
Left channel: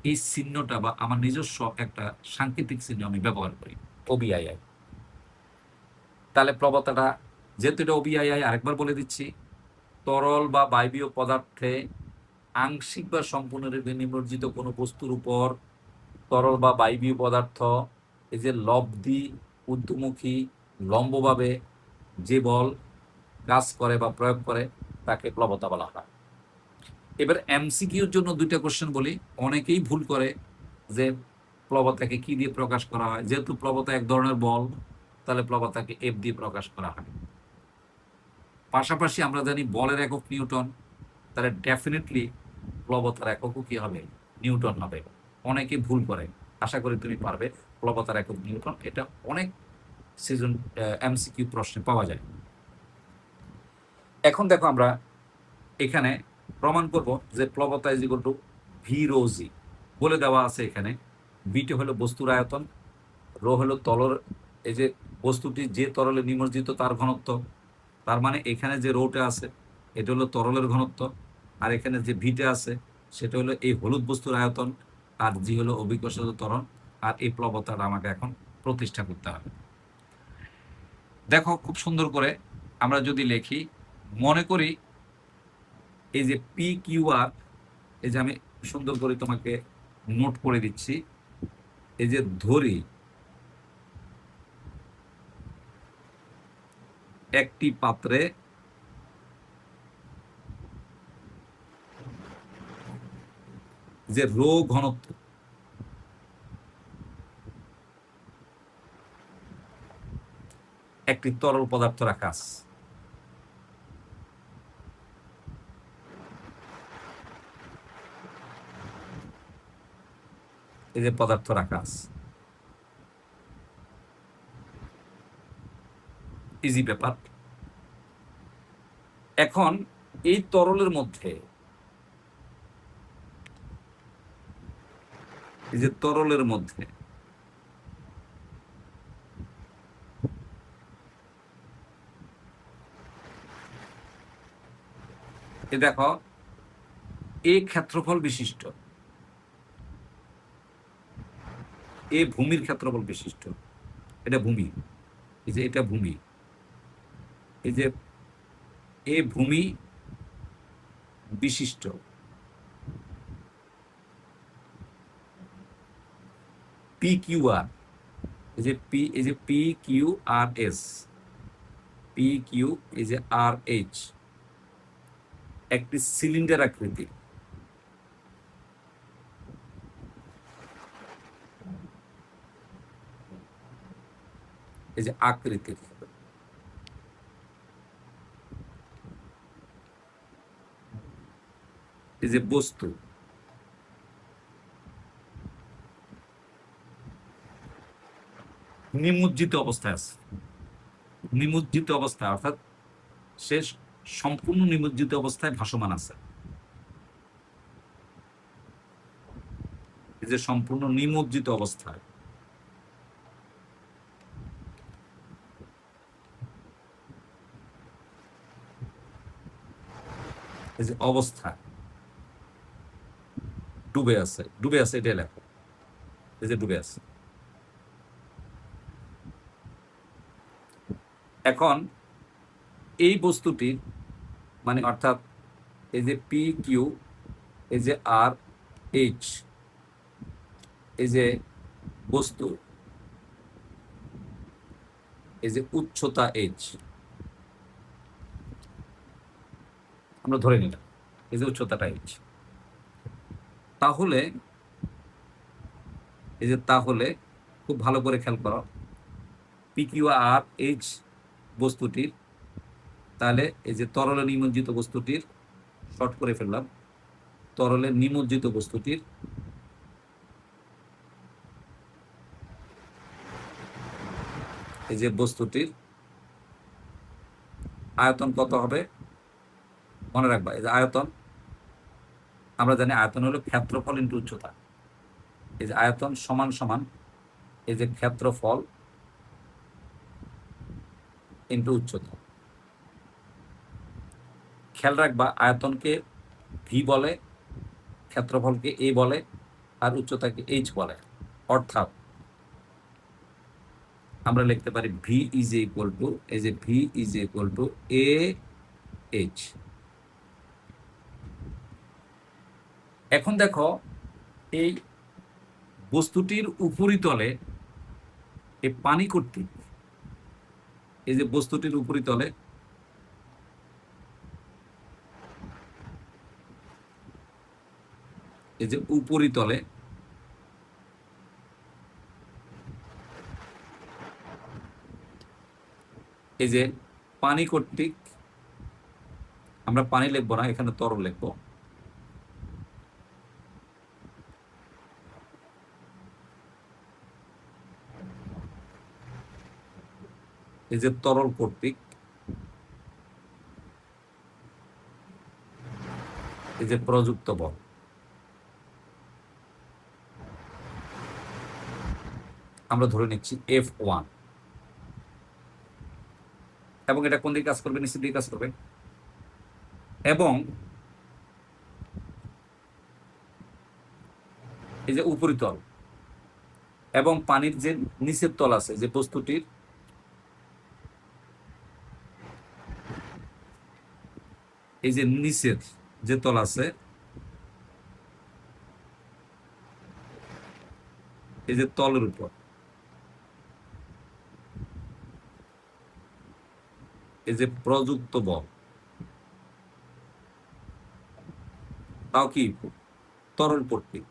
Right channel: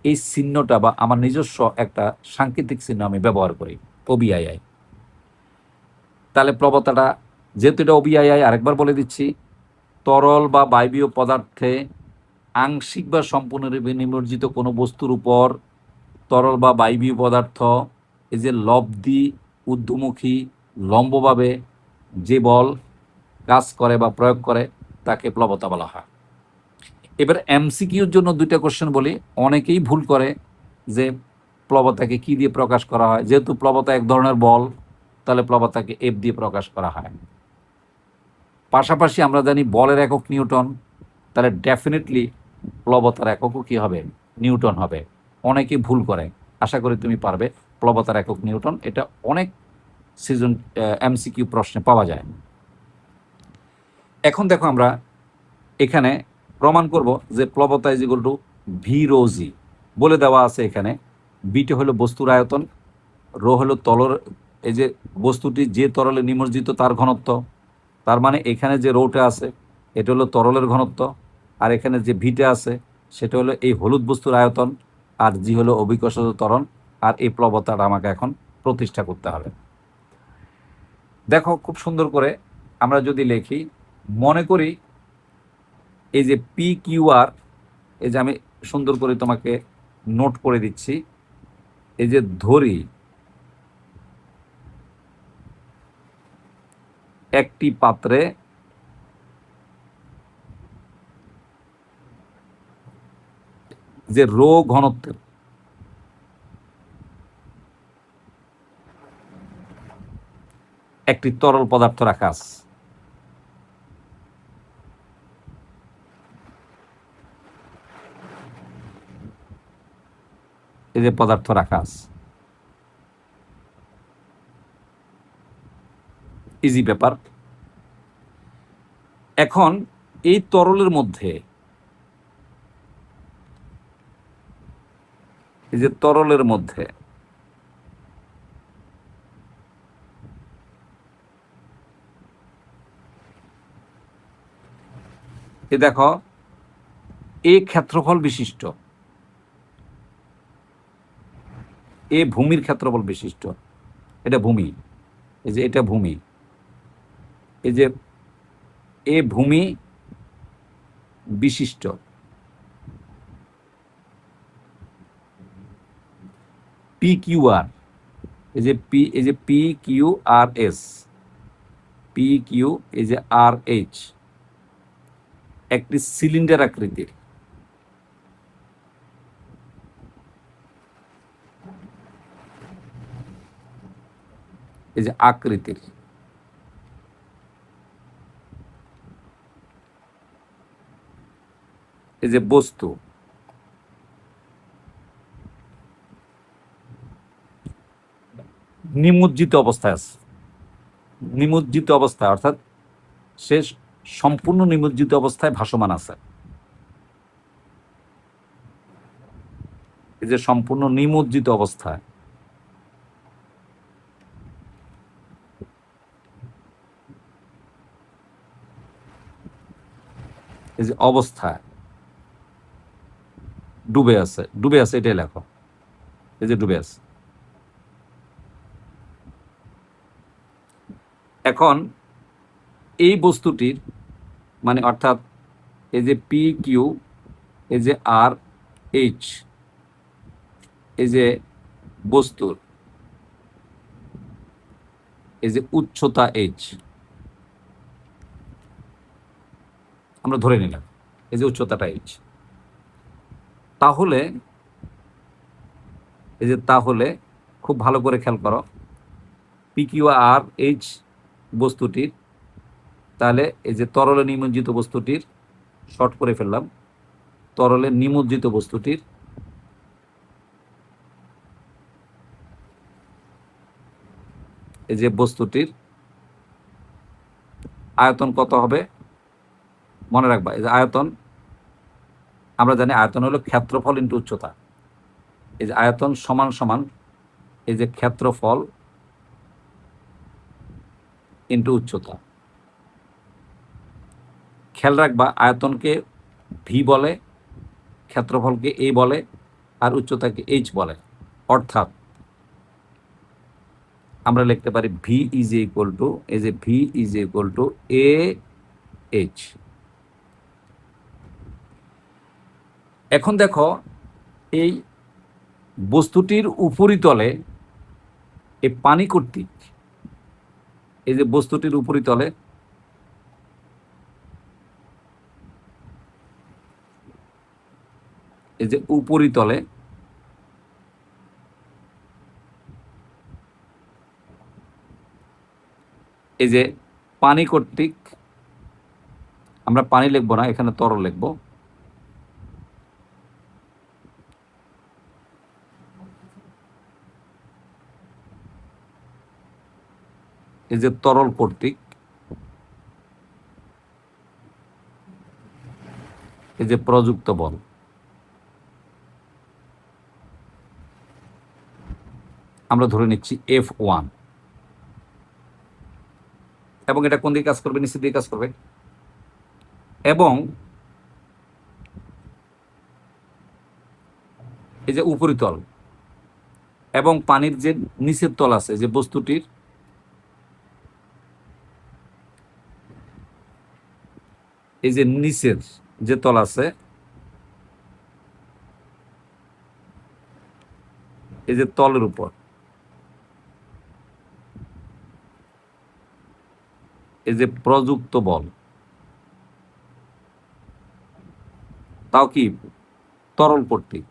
এই চিহ্নটা বা আমার নিজস্ব একটা সাংকেতিক চিহ্ন আমি ব্যবহার করি, OBII। তাহলে প্লবতাটা, যেহেতু এটা OBII, আরেকবার বলে দিচ্ছি, তরল বা বায়বীয় পদার্থে আংশিক বা সম্পূর্ণরূপে নিমজ্জিত কোনো বস্তুর উপর তরল বা বায়বীয় পদার্থ এই যে লব্ধি ঊর্ধ্বমুখী লম্বভাবে যে বল কাজ করে বা প্রয়োগ করে, তাকে প্লবতা বলা হয়। এবার MCQর জন্য দুইটা কোশ্চেন বলি। অনেকেই ভুল করে যে প্লবতাকে কি দিয়ে প্রকাশ করা হয়। যেহেতু প্লবতা এক ধরনের বল, তাহলে প্লবতাকে F দিয়ে প্রকাশ করা হয়। পাশাপাশি আমরা জানি বলের একক নিউটন, তাহলে ডেফিনেটলি প্লবতার এককও কি হবে? নিউটন হবে। অনেকেই ভুল করে, আশা করি তুমি পারবে। প্লবতার একক নিউটন, এটা অনেক সিজন MCQ প্রশ্নে পাওয়া যায়। এখন দেখো আমরা এখানে প্রমাণ করব যে প্লবতা is equal to V rho G. বলে দেওয়া আছে এখানে, বিটা হলো বস্তুর আয়তন, রো হলো তরল, এই যে বস্তুটি যে তরলে নিমজ্জিত তার ঘনত্ব। তার মানে এখানে যে রোটা আছে এটা হলো তরলের ঘনত্ব, আর এখানে যে ভিটা আছে সেটা হলো এই হলুদ বস্তুর আয়তন, আর জি হলো অভিকর্ষজ ত্বরণ। আর এই প্লবতাটা আমাকে এখন প্রতিষ্ঠা করতে হবে। দেখো খুব সুন্দর করে আমরা যদি লিখি, মনে করি এই যে PQR, এই যে আমি সুন্দর করে তোমাকে নোট করে দিচ্ছি, এই যে ধরি একটি পাত্রে যে রো ঘনত্বের একটি তরল পদার্থ রাখা আছে। এই যে পদার্থ রাখা আছে, ইজি ব্যাপার। এখন এই তরলের মধ্যে, এই যে তরলের মধ্যে এই দেখো এই ক্ষেত্রফল বিশিষ্ট, এ ভূমির ক্ষেত্রফল বিশিষ্ট, এটা ভূমি, এই যে এটা ভূমি, এই যে এ ভূমি বিশিষ্ট PQR, এই যে PQRS, PQ, এই যে RH, একটি সিলিন্ডার আকৃতির, এই যে আকৃতির এই যে বস্তু, নিমজ্জিত অবস্থায় আছে, নিমজ্জিত অবস্থায়, অর্থাৎ সে সম্পূর্ণ নিমজ্জিত অবস্থায় ভাসমান আছে। এই যে সম্পূর্ণ নিমজ্জিত অবস্থায়, এই যে অবস্থায় ডুবে আছে, ডুবে আছে এটাই লেখো, এই যে ডুবে আছে। এখন এই বস্তুটির মানে অর্থাৎ এই যে পি কিউ, এই যে আর এইচ, এই যে বস্তুর এই যে উচ্চতা এইচ, আমরা ধরে নিলাম এই যে উচ্চতাটা এইচ, তাহলে এই যে তাহলে খুব ভালো করে খেয়াল করো, পি কিউ আর এইচ বস্তুটির, তাহলে এই যে তরলে নিমজ্জিত বস্তুটির, শর্ট করে ফেললাম, তরলে নিমজ্জিত বস্তুটির এই যে বস্তুটির আয়তন কত হবে মনে রাখবা। এই যে আয়তন, আমরা জানি আয়তন হলো ক্ষেত্রফল ইন্টু উচ্চতা। এই যে আয়তন সমান সমান এই যে ক্ষেত্রফল ইন্টু উচ্চতা। খেয়াল রাখবা আয়তনকে ভি বলে, ক্ষেত্রফলকে এ বলে, আর উচ্চতাকে এইচ বলে। অর্থাৎ আমরা লিখতে পারি ভি ইজ ইকুয়াল টু, এই যে V is equal two A H. এখন দেখো এই বস্তুটির উপরিতলে এই পানি কর্তৃক, এই যে বস্তুটির উপরিতলে এই যে উপরিতলে এই যে পানি কর্তৃক, আমরা পানি লিখবো না, এখানে তরল লিখবো, এই যে তরল কর্তৃক এই যে প্রযুক্ত বল, আমরা ধরে নিচ্ছি F1, এবং এটা কোন দিকে কাজ করবে, নিচের দিকে কাজ করবে, এবং এই যে উপরিতল এবং পানির যে নিচের তল আছে, যে বস্তুটির এই যে নিচের যে তল আছে, এই যে তলের উপর এই যে প্রযুক্ত বল, তাও কি তরল কর্তৃক,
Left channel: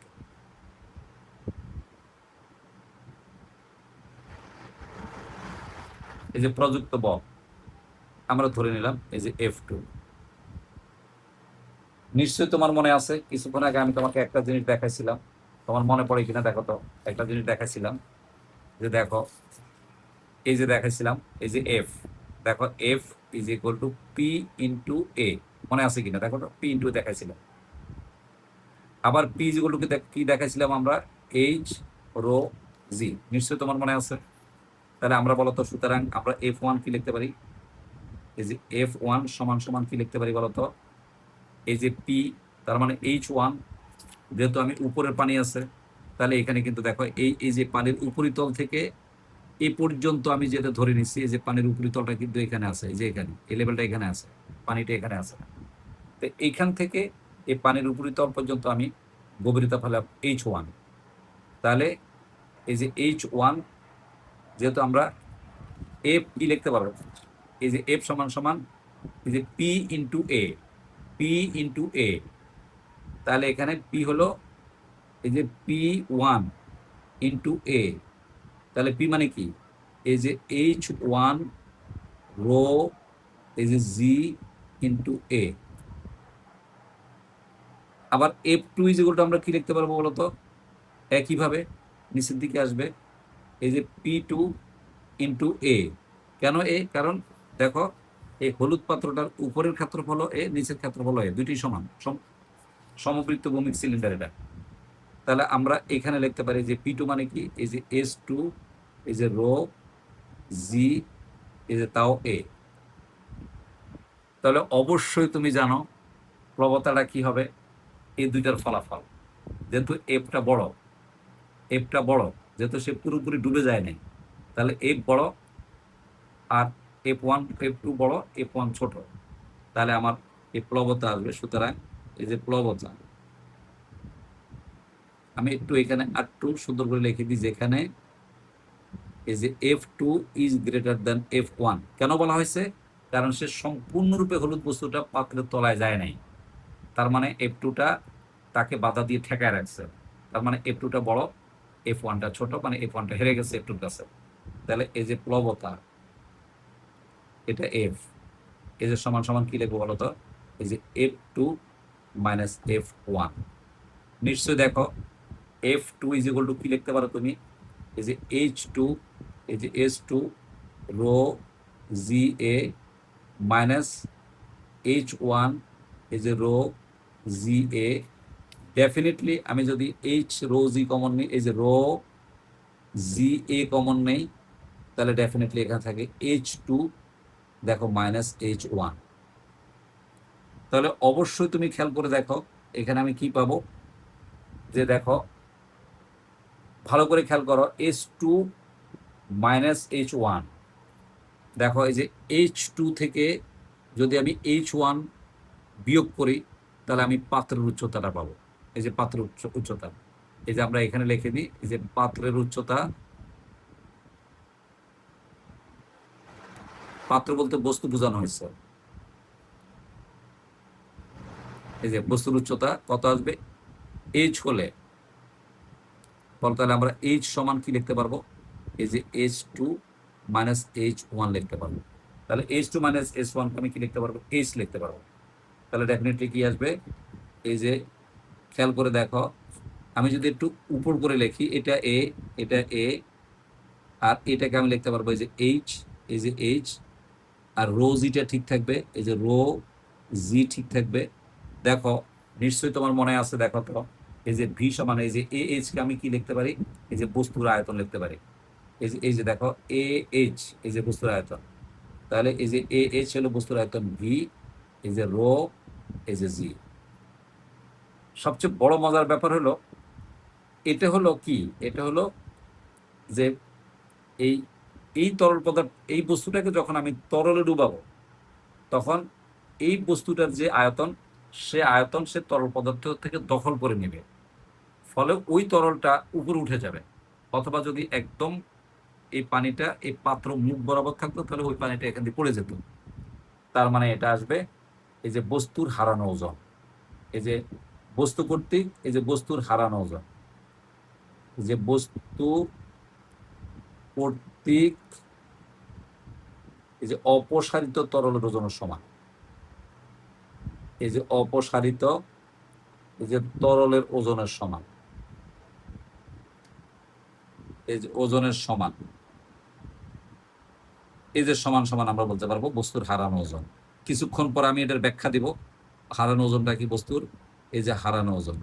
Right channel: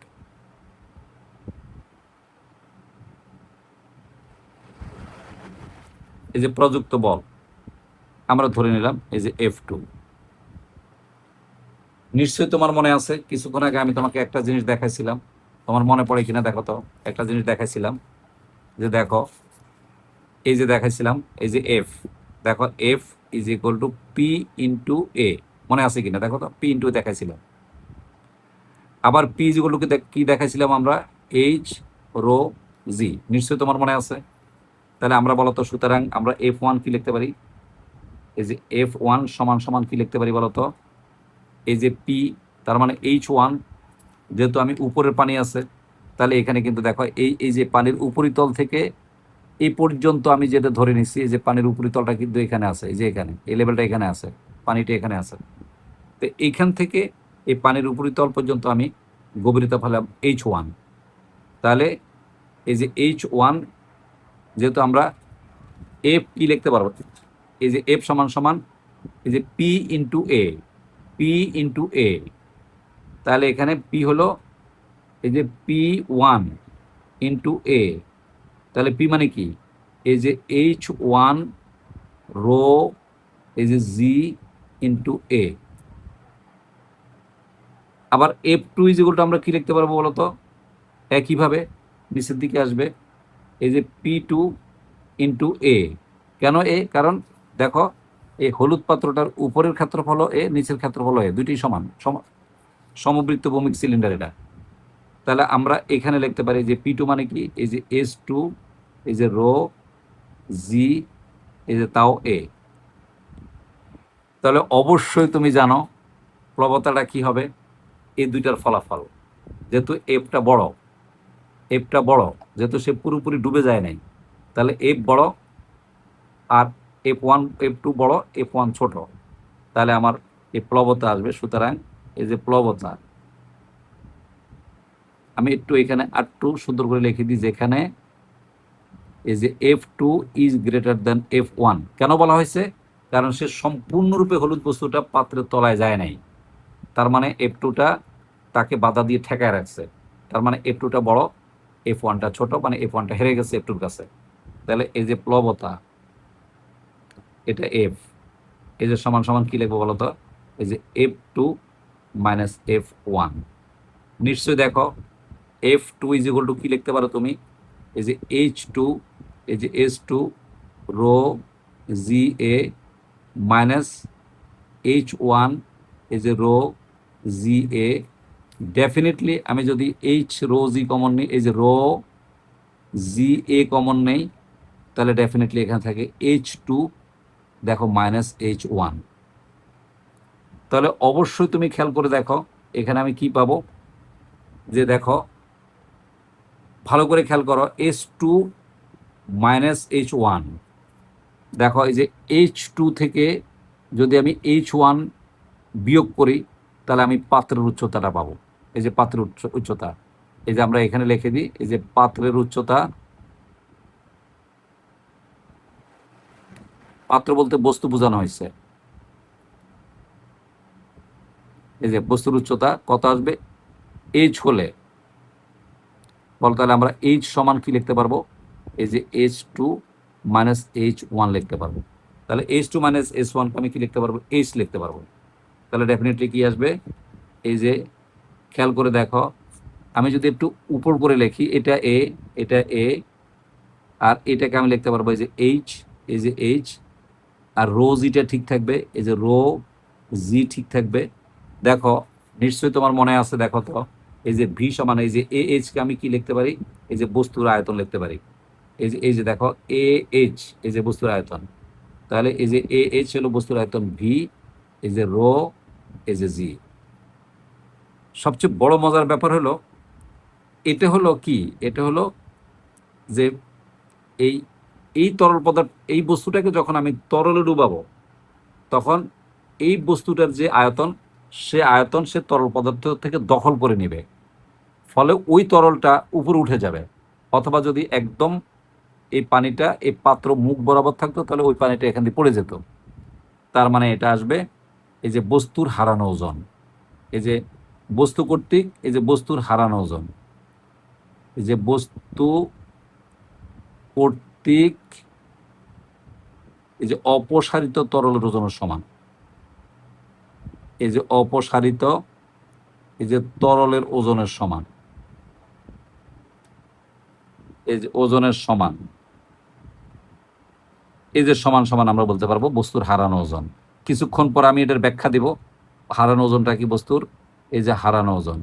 এই যে প্রযুক্ত বল আমরা ধরে নিলাম এই যে F2। নিশ্চয়ই তোমার মনে আছে কিছুক্ষণ আগে আমি তোমাকে একটা জিনিস দেখাইছিলাম, তোমার মনে পড়ে কিনা দেখো তো। একটা জিনিস দেখাইছিলাম, যে দেখো এই যে দেখাইছিলাম এই যে এফ, দেখো F is equal to P into A, মনে আছে কিনা দেখো তো, পি ইন্টু দেখাইছিলাম। আবার পি ইজ ইকুয়াল টু কি দেখাইছিলাম আমরা, এইচ রো জি, নিশ্চয়ই তোমার মনে আছে। তাহলে আমরা বলতো, সুতরাং আমরা F1 কি লিখতে পারি, এই যে F1 সমান সমান কি লিখতে পারি বলতো, এই যে পি, তার মানে H1, যেহেতু আমি উপরের পানি আছে, তাহলে এখানে কিন্তু দেখো এই এই যে পানির উপরিতল থেকে এই পর্যন্ত আমি যেটা ধরে নিচ্ছি, এই যে পানির উপরিতলটা কিন্তু এখানে আছে, এই যে এখানে এই লেভেলটা এখানে আছে, পানিটা এখানে আছে। তো এইখান থেকে এই পানির উপরিতল পর্যন্ত আমি গভীরতা ফেলাম H1। তাহলে এই যে H1, যেহেতু আমরা এফ কি লিখতে পারবো, এই যে এফ সমান সমান এই যে পি ইন্টু এ, পি ইন্টু এ, তাহলে এখানে পি হলো এই যে P1 ইন্টু এ, তাহলে পি মানে কি, এই যে H1 রো এই যে জি ইন্টু এ। আবার F2 ইজ ইকুয়াল টু আমরা কি লিখতে পারবো বলতো, একইভাবে নিচের দিকে আসবে এই যে P2 ইন্টু এ। কেন এ? কারণ দেখো এই হলুদ পাত্রটার উপরের ক্ষেত্রফল এ, নিচের ক্ষেত্রফল এ, দুইটি সমান, সমবৃত্ত ভৌমিক সিলিন্ডার এটা। তাহলে আমরা এখানে লিখতে পারি যে পি টু মানে কি, এই যে এস টু, এই যে রো জি, এই যে তাও এ। তাহলে অবশ্যই তুমি জানো প্লবতাটা কি হবে, এই দুইটার ফলাফল। যেহেতু এফটা বড়, এফটা বড়, যেহেতু সে পুরোপুরি ডুবে যায় নাই, তাহলে এফ বড় আর এফ ওয়ান এফ টু বড়, এফ ওয়ান ছোট, তাহলে আমার এই প্লবতা আসবে। সুতরাং এই যে প্লবতা, আমি একটু এখানে আর একটু সুন্দর করে লিখে দিই, যেখানে এই যে F two is greater than F one. কেন বলা হয়েছে? কারণ সে সম্পূর্ণরূপে হলুদ বস্তুটা পাত্রের তলায় যায় নাই, তার মানে এফ টুটা তাকে বাধা দিয়ে ঠেকায় রাখছে। তার মানে এফ টুটা বড়, এফ ওয়ানটা ছোট, মানে এফ ওয়ানটা হেরে গেছে এফ টুর কাছে। তাহলে এই যে প্লবতা, এটা এফ, এই যে সমান সমান কি লিখবো বলতো, এই যে F two minus F one. নিশ্চয়ই দেখো F two is equal to কি লিখতে পারো তুমি, এই যে এইচ টু, এই যে S to rho G A minus H one, এই যে রো জি এ। ডেফিনেটলি আমি যদি এইচ রো জি কমন নিই, এই যে রো জি এ কমন নেই, তাহলে ডেফিনেটলি এখানে থাকে এইচ টু, দেখো মাইনাস এইচ ওয়ান। তাহলে অবশ্যই তুমি খেয়াল করে দেখো এখানে আমি কি পাবো, যে দেখো ভালো করে খেয়াল করো, S two minus H one. দেখো এই যে এইচ টু থেকে যদি আমি এইচ ওয়ান বিয়োগ করি, তাহলে আমি পাত্রের উচ্চতাটা পাবো। এই যে পাত্রের উচ্চতা, এই যে আমরা এখানে লিখে দিই, এই যে পাত্রের উচ্চতা, পাত্র বলতে বস্তু বোঝানো হয়েছে, এই যে বস্তুর উচ্চতা কত আসবে, এইচ হলে বল, তাহলে আমরা এইচ সমান কি লিখতে পারবো, এই যে H two minus H one লিখতে পারবো। তাহলে H two minus H one আমি কি লিখতে পারবো, এইচ লিখতে পারবো। তাহলে ডেফিনেটলি কি আসবে, এই যে খেয়াল করে দেখো, আমি যদি একটু উপর করে লিখি, এটা এ, এটা এ, আর এটাকে আমি লিখতে পারবো এই যে এইচ, এই যে এইচ, আর রো জিটা ঠিক থাকবে, এই যে রো জি ঠিক থাকবে। দেখো নিশ্চয়ই তোমার মনে আছে, দেখো তো এই যে ভি সমান, এই যে এ এইচ কে আমি কি লিখতে পারি, এই যে বস্তুর আয়তন লিখতে পারি। এই যে দেখো এ এইচ, এই যে বস্তুর আয়তন, তাহলে এই যে এ এইচ হলো বস্তুর আয়তন ভি, এই যে রো, এই যে জি। সবচেয়ে বড় মজার ব্যাপার হলো, এটা হলো কি, এটা হলো যে এই এই তরল পদার্থ, এই বস্তুটাকে যখন আমি তরলে ডুবাবো, তখন এই বস্তুটার যে আয়তন, সে আয়তন সে তরল পদার্থ থেকে দখল করে নেবে, ফলে ওই তরলটা উপরে উঠে যাবে। অথবা যদি একদম এই পানিটা এই পাত্র মুখ বরাবর থাকতো, তাহলে ওই পানিটা এখান দিয়ে পড়ে যেত। তার মানে এটা আসবে এই যে বস্তুর হারানো ওজন, এই যে বস্তু কর্তৃক, এই যে বস্তুর হারানো ওজন, এই যে বস্তু কর্তৃক এই যে অপসারিত তরল ওজনের সমান, এই যে অপসারিত এই যে তরলের ওজনের সমান, এই যে ওজনের সমান, এই যে সমান সমান আমরা বলতে পারবো বস্তুর হারানো ওজন। কিছুক্ষণ পর আমি এটার ব্যাখ্যা দিব, হারানো ওজনটা কি বস্তুর, এই যে হারানো ওজন,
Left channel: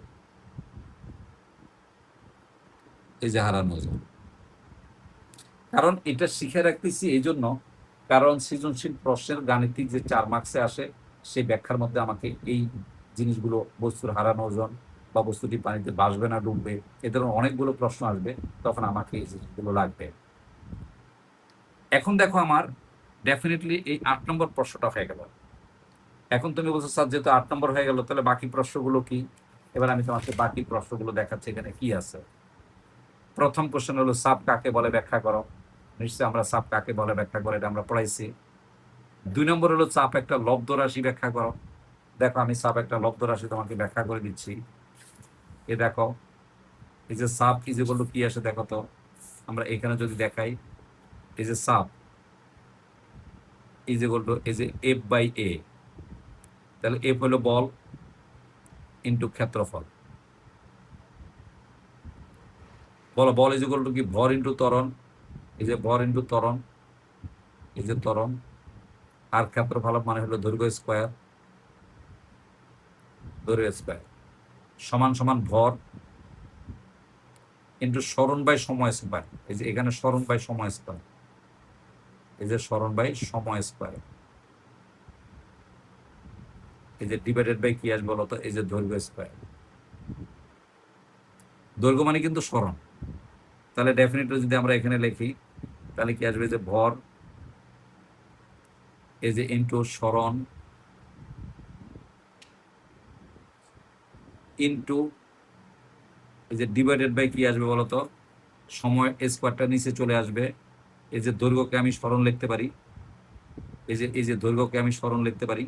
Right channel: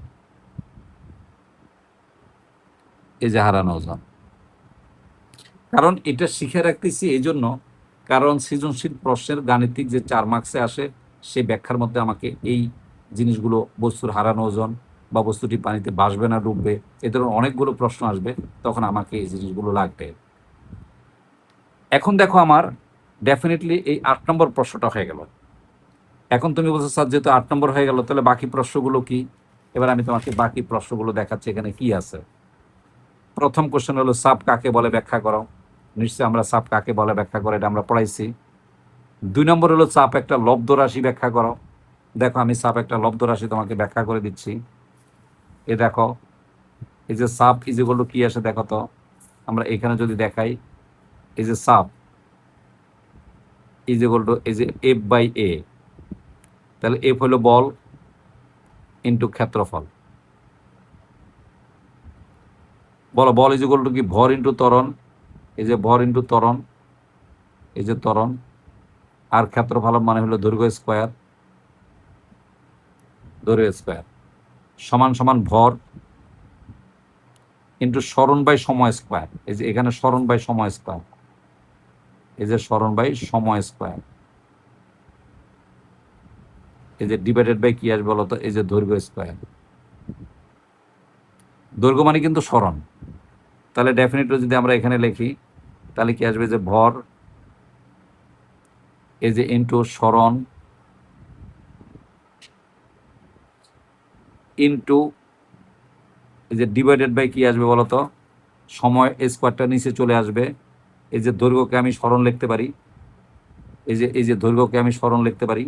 এই যে হারানো ওজন। কারণ এটা শিখে রাখতেছি এই জন্য, কারণ সৃজনশীল প্রশ্নের গাণিতিক যে 4 মার্কসে আসে, সেই ব্যাখ্যার মধ্যে আমাকে এই জিনিসগুলো, বস্তুর হারানো ওজন বা বস্তুটি পানিতে ভাসবে না ডুববে, এ ধরনের অনেকগুলো প্রশ্ন আসবে, তখন আমাকে এই জিনিসগুলো লাগবে। এখন দেখো আমার ডেফিনেটলি এই 8 নম্বর প্রশ্নটা হয়ে গেল। এখন তুমি বলছো স্যার যেহেতু 8 নম্বর হয়ে গেল, তাহলে বাকি প্রশ্নগুলো কি? এবার আমি তোমাকে বাকি প্রশ্নগুলো দেখাচ্ছি এখানে কি আছে। প্রথম কোশ্চেন হলো সাপ কাকে বলে ব্যাখ্যা করো। নিশ্চয়ই আমরা সাপ কাকে বলে ব্যাখ্যা করো, এটা আমরা পড়াইছি। 2 নম্বর হলো চাপ একটা লব্ধ রাশি ব্যাখ্যা করো। দেখো আমি চাপ একটা লব্ধ রাশি তোমাকে ব্যাখ্যা করে দিচ্ছি। এ দেখো, এই যে চাপ ইজ ইকুয়াল টু কি আসে দেখো তো, আমরা এখানে যদি দেখাই, এই যে চাপ ইজ ইকুয়াল টু এই যে এফ বাই এ, তাহলে এফ হলো বল ইন্টু ক্ষেত্রফল। বলো বল ইজ ইকুয়াল টু কি, ভর ইন্টু ত্বরণ, এই যে ভর ইন্টু ত্বরণ, এই যে ত্বরণ, আর ক্ষেত্রফল মানে হলো দৈর্ঘ্য স্কোয়ার, দৈর্ঘ্য স্কোয়ার সমান সমান ভর ইন্টু সরণ বাই সময় স্কোয়ার। এই যে এখানে সরণ বাই সময় স্কোয়ার, এই যে সরণ বাই সময় স্কোয়ার, এই যে ডিভাইডেড বাই কি আসবে বলতো, এই যে দৈর্ঘ্য স্কোয়ার। দৈর্ঘ্য মানে কিন্তু সরণ, তাহলে ডেফিনেটলি যদি আমরা এখানে লিখি তাহলে কি আসবে, যে ভর এই যে ইন্টু সরণ ইন্টু এই যে ডিভাইডেড বাই কি আসবে বলতো, সময় স্কোয়ারটা নিচে চলে আসবে। এই যে দৈর্ঘ্যকে আমি সরণ লিখতে পারি, এই যে দৈর্ঘ্যকে আমি সরণ লিখতে পারি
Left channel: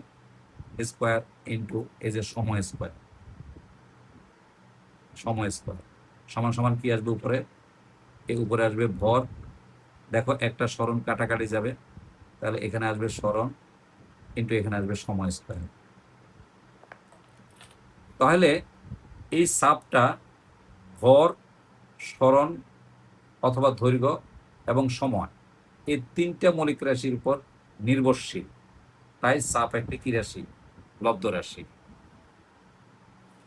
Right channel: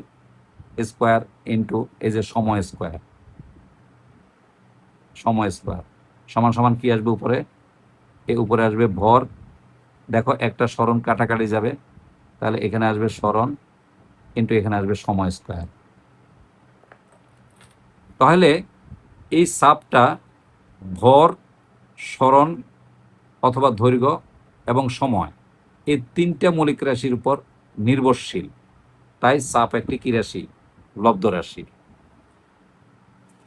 স্কোয়ার ইন্টু এই যে সময় স্কোয়ার, সময় স্কোয়ার সমান সমান কি আসবে উপরে, এই উপরে আসবে ভর। দেখো একটা সরণ কাটাকাটি যাবে, তাহলে এখানে আসবে সরণ ইন্টু এখানে আসবে সময় স্কোয়ার। তাহলে এই চাপটা ভর, সরণ অথবা দৈর্ঘ্য এবং সময় এই তিনটা মৌলিক রাশির উপর নির্ভরশীল, তাই চাপ একটি কি রাশি, লব্ধ রাশি।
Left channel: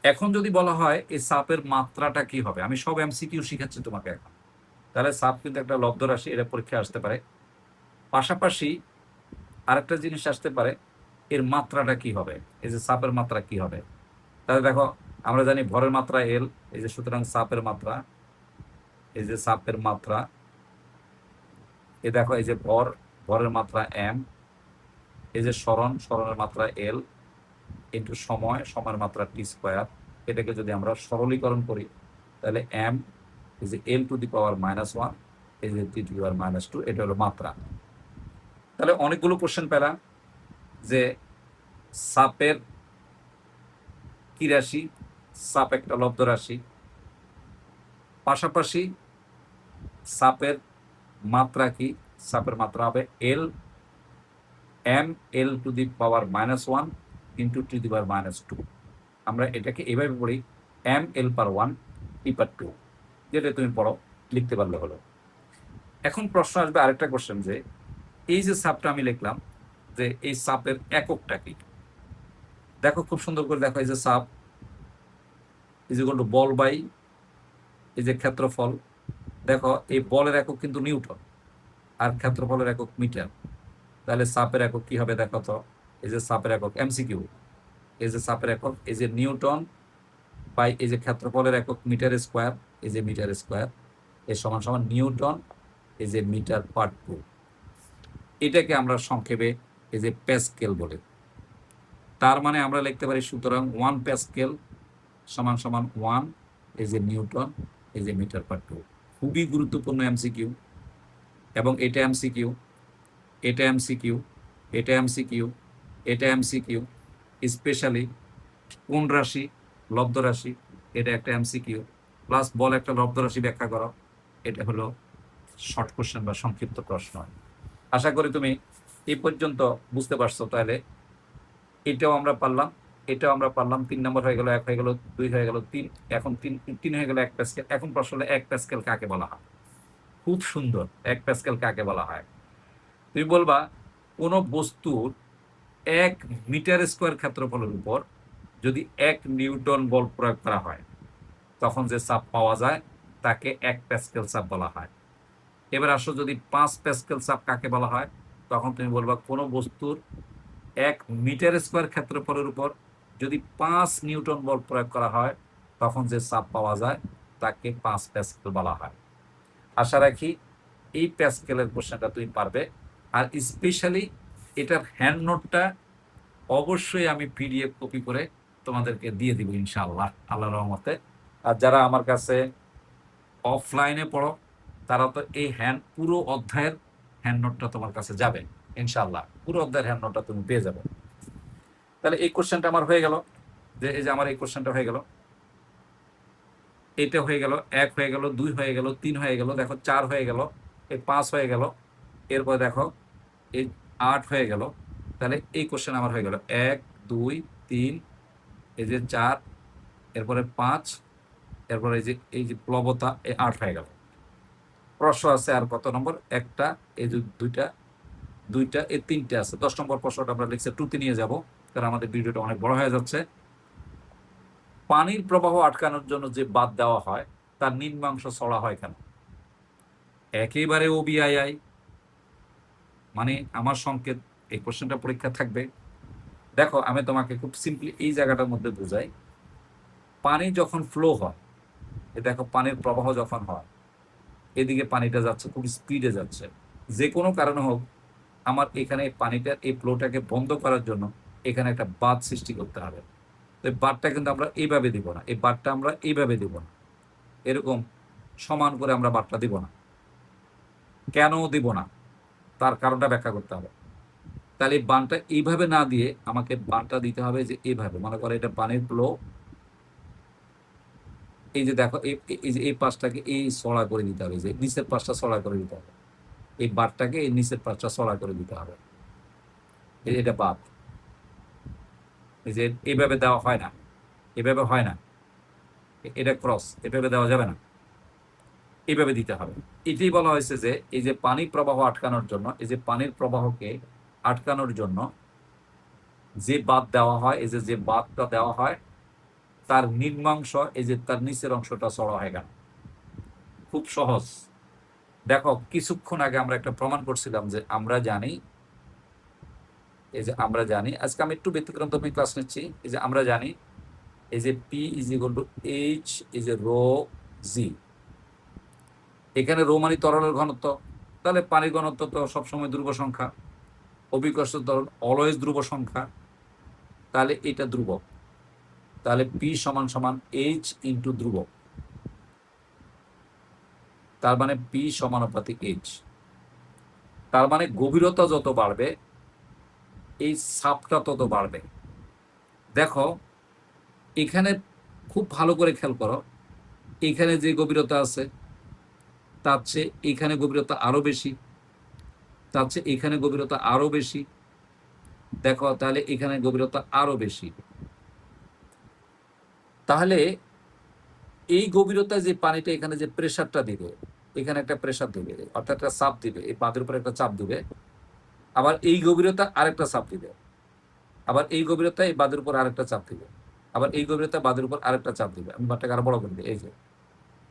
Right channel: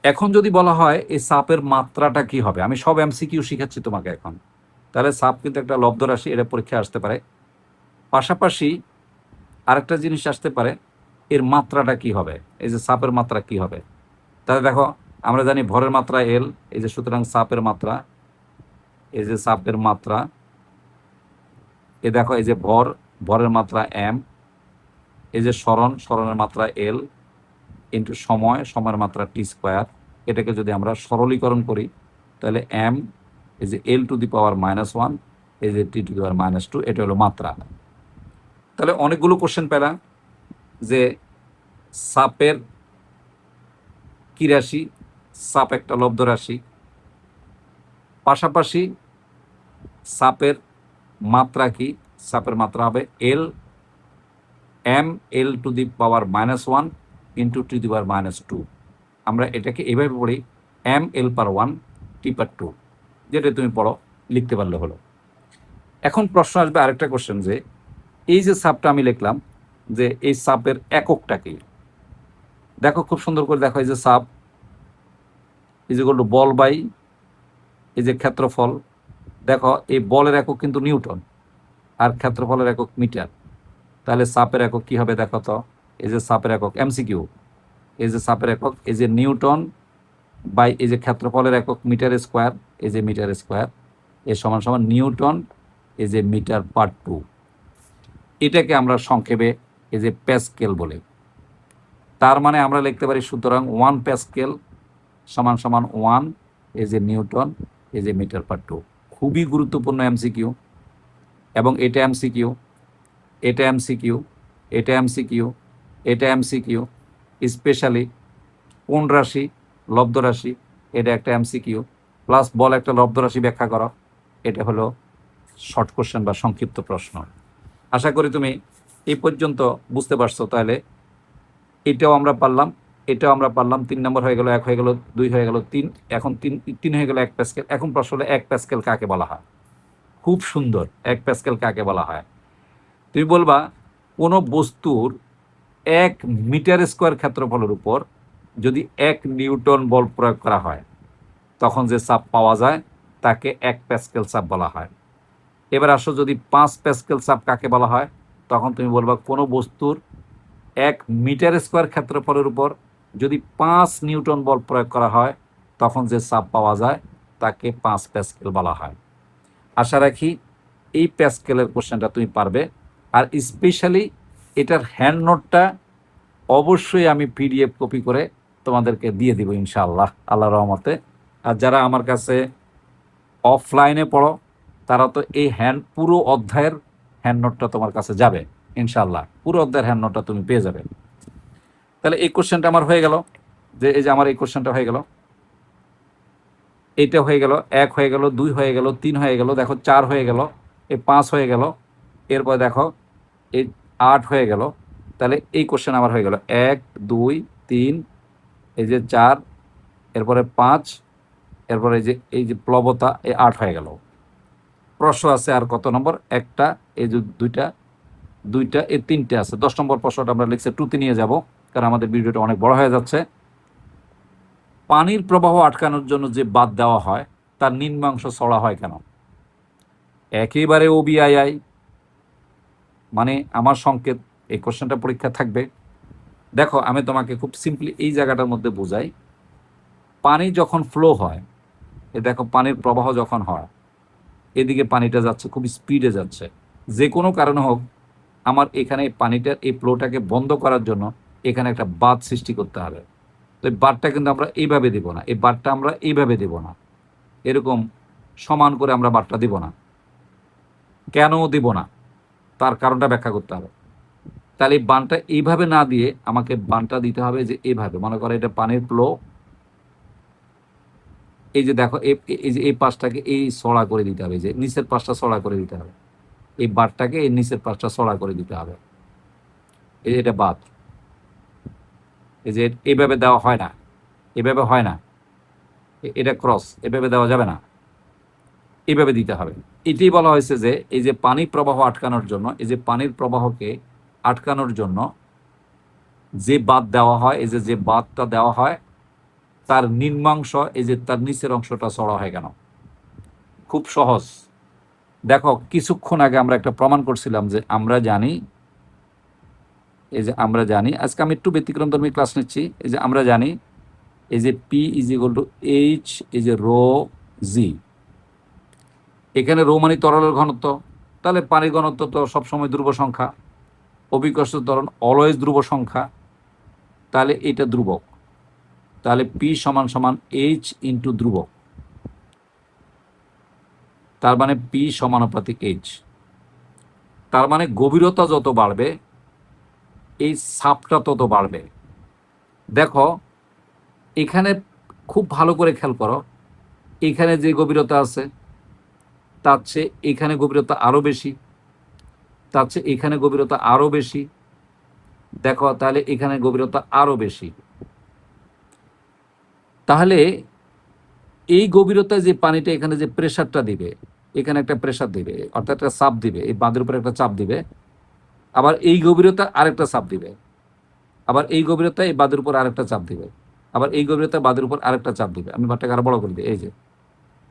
এখন যদি বলা হয় এই চাপের মাত্রাটা কি হবে, আমি সব এমসিকিউ শিখাচ্ছি তোমাকে এখন। তাহলে চাপ কিন্তু একটা লব্ধ রাশি, এটা পরীক্ষায় আসতে পারে। পাশাপাশি আরেকটা জিনিস আসতে পারে, এর মাত্রাটা কি হবে, এই যে চাপের মাত্রা কি হবে। তাহলে দেখো আমরা জানি ভরের মাত্রা এল, এই যে সুতরাং চাপের মাত্রা, এই যে চাপের মাত্রা, এই দেখো এই যে ভর, ভরের মাত্রা এম, এই যে সরণ, সরণের মাত্রা এল ইন্টু সময়, সময়ের মাত্রা টি স্কোয়ার। এটাকে যদি আমরা সরলীকরণ করি তাহলে এম এই যে এল টু দি পাওয়ার -1, এই যে টি টু দি পাওয়ার -2, এটা হলো মাত্রা। তাহলে অনেকগুলো কোশ্চেন পেলাম যে চাপের কি রাশি, চাপ একটা লব্ধ রাশি, পাশাপাশি চাপের মাত্রা কি, চাপের মাত্রা হবে L, M L to the power -1 into T the power -2। আমরা এটাকে এভাবে পড়ি এম এল পার 1 টি পার 2, যেটা তুমি পড়ো, লিখতে পারলে হলো। এখন প্রশ্ন আসবে আরেকটা কোশ্চেন, যে এই যে চাপটা আমি লিখলাম, যে এই চাপের এককটা কি। দেখো খুব সুন্দর করে দেখো, এই যে চাপ ইজ ইকুয়াল টু বল বাই এই যে ক্ষেত্রফল। দেখো এই বলের একক কিন্তু নিউটন আর ক্ষেত্রফলের একক মিটার, তাহলে চাপের একক কি হবে দেখো তো, এই যে চাপের একক এমসিকিউ, এই যে চাপের একক এই যে নিউটন বাই এই যে ক্ষেত্রফলের একক মিটার স্কোয়ার, এই যে মিটার স্কোয়ার, এর সমান সমান নিউটন এই যে মিটার পার 2। এটাকে আমরা সংক্ষেপে এই যে প্যাসকেল বলে। তার মানে আমরা লিখতে পারি সুতরাং 1 প্যাসকেল সমান সমান 1 এই যে নিউটন এই যে মিটার পার 2। খুবই গুরুত্বপূর্ণ এমসিকিউ, এবং এটা এমসিকিউ, এটা এমসিকিউ, এটা এমসিকিউ, এটা এমসিকিউ, স্পেশালি কোন রাশি, লব্ধ রাশি, এটা একটা এমসিকিউ, প্লাস বল একটা লব্ধ রাশি ব্যাখ্যা করো, এটা হলো শর্ট কোশ্চেন বা সংক্ষিপ্ত প্রশ্ন। আশা করি তুমি এই পর্যন্ত বুঝতে পারছো। তাহলে এটাও আমরা পারলাম, এটাও আমরা পারলাম। 3 নম্বর হয়ে গেল, 1 হয়ে গেল, 2 হয়ে গেল, 3, এখন 3 হয়ে গেল 1 প্যাসকেল। এখন প্রশ্ন হলো 1 প্যাসকেল কাকে বলা হয়। খুব সুন্দর, 1 প্যাসকেল কাকে বলা হয়। তুমি বলবা কোন বস্তুর 1 মিটার স্কোয়ার ক্ষেত্রফলের উপর যদি 1 নিউটন বল প্রয়োগ করা হয় তখন যে চাপ পাওয়া যায় তাকে 1 প্যাসকেল চাপ বলা হয়। এবার আসো, যদি 5 প্যাসকেল চাপ কাকে বলা হয়, তখন তুমি বলবা কোনো বস্তুর 1 মিটার স্কোয়ার ক্ষেত্রফলের উপর যদি 5 নিউটন বল প্রয়োগ করা হয় তখন যে চাপ পাওয়া যায় তাকে 5 প্যাসকেল বলা হয়। আশা রাখি এই প্যাসকেলের কোশ্চেনটা তুমি পারবে। আর স্পেশালি এটার হ্যান্ড নোটটা অবশ্যই আমি পিডিএফ কপি করে তোমাদেরকে দিয়ে দিব ইনশাআল্লাহ, আল্লাহ রহমতে। আর যারা আমার কাছে অফলাইনে পড়ো তারা তো এই পুরো অধ্যায়ের হ্যান্ড নোটটা তোমার কাছে যাবে ইনশাআল্লাহ, পুরো অধ্যায়ের হ্যান্ড নোটটা তুমি পেয়ে যাবে। তাহলে এই কোশ্চেনটা আমার হয়ে গেল, যে এই যে আমার এই কোশ্চেনটা হয়ে গেল, এইটা হয়ে গেল, 1 হয়ে গেল, 2 হয়ে গেল, 3 হয়ে গেল, দেখো 4 হয়ে গেল, এই 5 হয়ে গেল, এরপর দেখো এই 8 হয়ে গেল। তাহলে এই কোশ্চেন আমার হয়ে গেল 1 2 3, এই যে 4, এরপরে 5, এরপরে এই যে প্লবতা, এই 8 হয়ে গেল। প্রশ্ন আছে আর কত নম্বর, একটা, এই যে দুইটা, দুইটা, এই তিনটে আছে। 10 নম্বর প্রশ্নটা আমরা লিখছে 2-তে নিয়ে যাব, কারণ আমাদের ভিডিওটা অনেক বড় হয়ে যাচ্ছে। পানির প্রবাহ আটকানোর জন্য যে বাঁধ দেওয়া হয় তার নিম্নাংশ চড়া হয় কেন? একেবারে ওবিআই, মানে আমার সংকেত। এই কোশ্চেনটা পরীক্ষা থাকবে। দেখো, আমি তোমাকে খুব সিম্পলি এই জায়গাটার মধ্যে বোঝাই। পানি যখন ফ্লো হয়, এ দেখো পানির প্রবাহ যখন হয়, এদিকে পানিটা যাচ্ছে খুব স্পিডে যাচ্ছে, যে কোনো কারণে হোক, আমার এখানে পানিটার এই ফ্লোটাকে বন্ধ করার জন্য এখানে একটা বাঁধ সৃষ্টি করতে হবে। তো এই বাঁধটা কিন্তু আমরা এইভাবে দিব না, এই বাঁধটা আমরা এইভাবে দিব না, এরকম সমান করে আমরা বাঁধটা দিব না। কেন দিব না, তার কারণটা ব্যাখ্যা করতে হবে। তাহলে এই বানটা এইভাবে না দিয়ে আমাকে বানটা দিতে হবে যে এইভাবে, মনে করো এটা পানির ফ্লো, এই যে দেখো এই যে এই পাশটাকে এই সরা করে দিতে হবে, যে নিচের পাশটা সরা করে দিতে হবে, এই বাঁধটাকে এই নিচের পাশটা সরা করে দিতে হবে। এটা বাঁধ। এই যে এইভাবে দেওয়া হয় না, এভাবে হয় না, এটা ক্রস, এভাবে দেওয়া যাবে না, এইভাবে দিতে হবে। এটাই বলা হয়েছে যে এই যে পানি প্রবাহ আটকানোর জন্য, এই যে পানির প্রবাহকে আটকানোর জন্য যে বাঁধ দেওয়া হয়, এই যে বাঁধটা দেওয়া হয় তার নিম্নাংশ, এই যে তার নিচের অংশটা চড়া হয় কেন? খুব সহজ। দেখো, কিছুক্ষণ আগে আমরা একটা প্রমাণ করছিলাম যে আমরা জানি, এই যে আমরা জানি, আজকে আমি একটু ব্যতিক্রমধর্মী ক্লাস নিচ্ছি। এই যে আমরা জানি, এই যে P is equal to H, এই যে রো জি, এখানে রো মানে তরলের ঘনত্ব, তাহলে পানির ঘনত্ব তো সবসময় ধ্রুব সংখ্যা, অভিকর্ষ ত্বরণ অলওয়েজ ধ্রুব সংখ্যা, তাহলে এটা ধ্রুবক। তাহলে পি সমান সমান এইচ ইন্টু ধ্রুবক, তার মানে পি সমানুপাতিক এইচ। তার মানে গভীরতা যত বাড়বে এই চাপটা তত বাড়বে। দেখো, এখানে খুব ভালো করে খেয়াল করো, এখানে যে গভীরতা আছে তার চেয়ে এখানে গভীরতা আরো বেশি, তার চেয়ে এখানে গভীরতা আরো বেশি। দেখো, তাহলে এখানে গভীরতা আরো বেশি। তাহলে এই গভীরতায় যে পানিটা এখানে যে প্রেসারটা দিবে, এখানে একটা প্রেসার দিবে, অর্থাৎ একটা চাপ দিবে, এই বাঁধের উপরে একটা চাপ দিবে, আবার এই গভীরতা আরেকটা চাপ দিবে, আবার এই গভীরতা এই বাঁধের উপর আরেকটা চাপ দিবে, আবার এই গভীরতা বাঁধের উপর আরেকটা চাপ দিবে। আমি বাঁধটাকে আরো বড় করে দিই, এই যে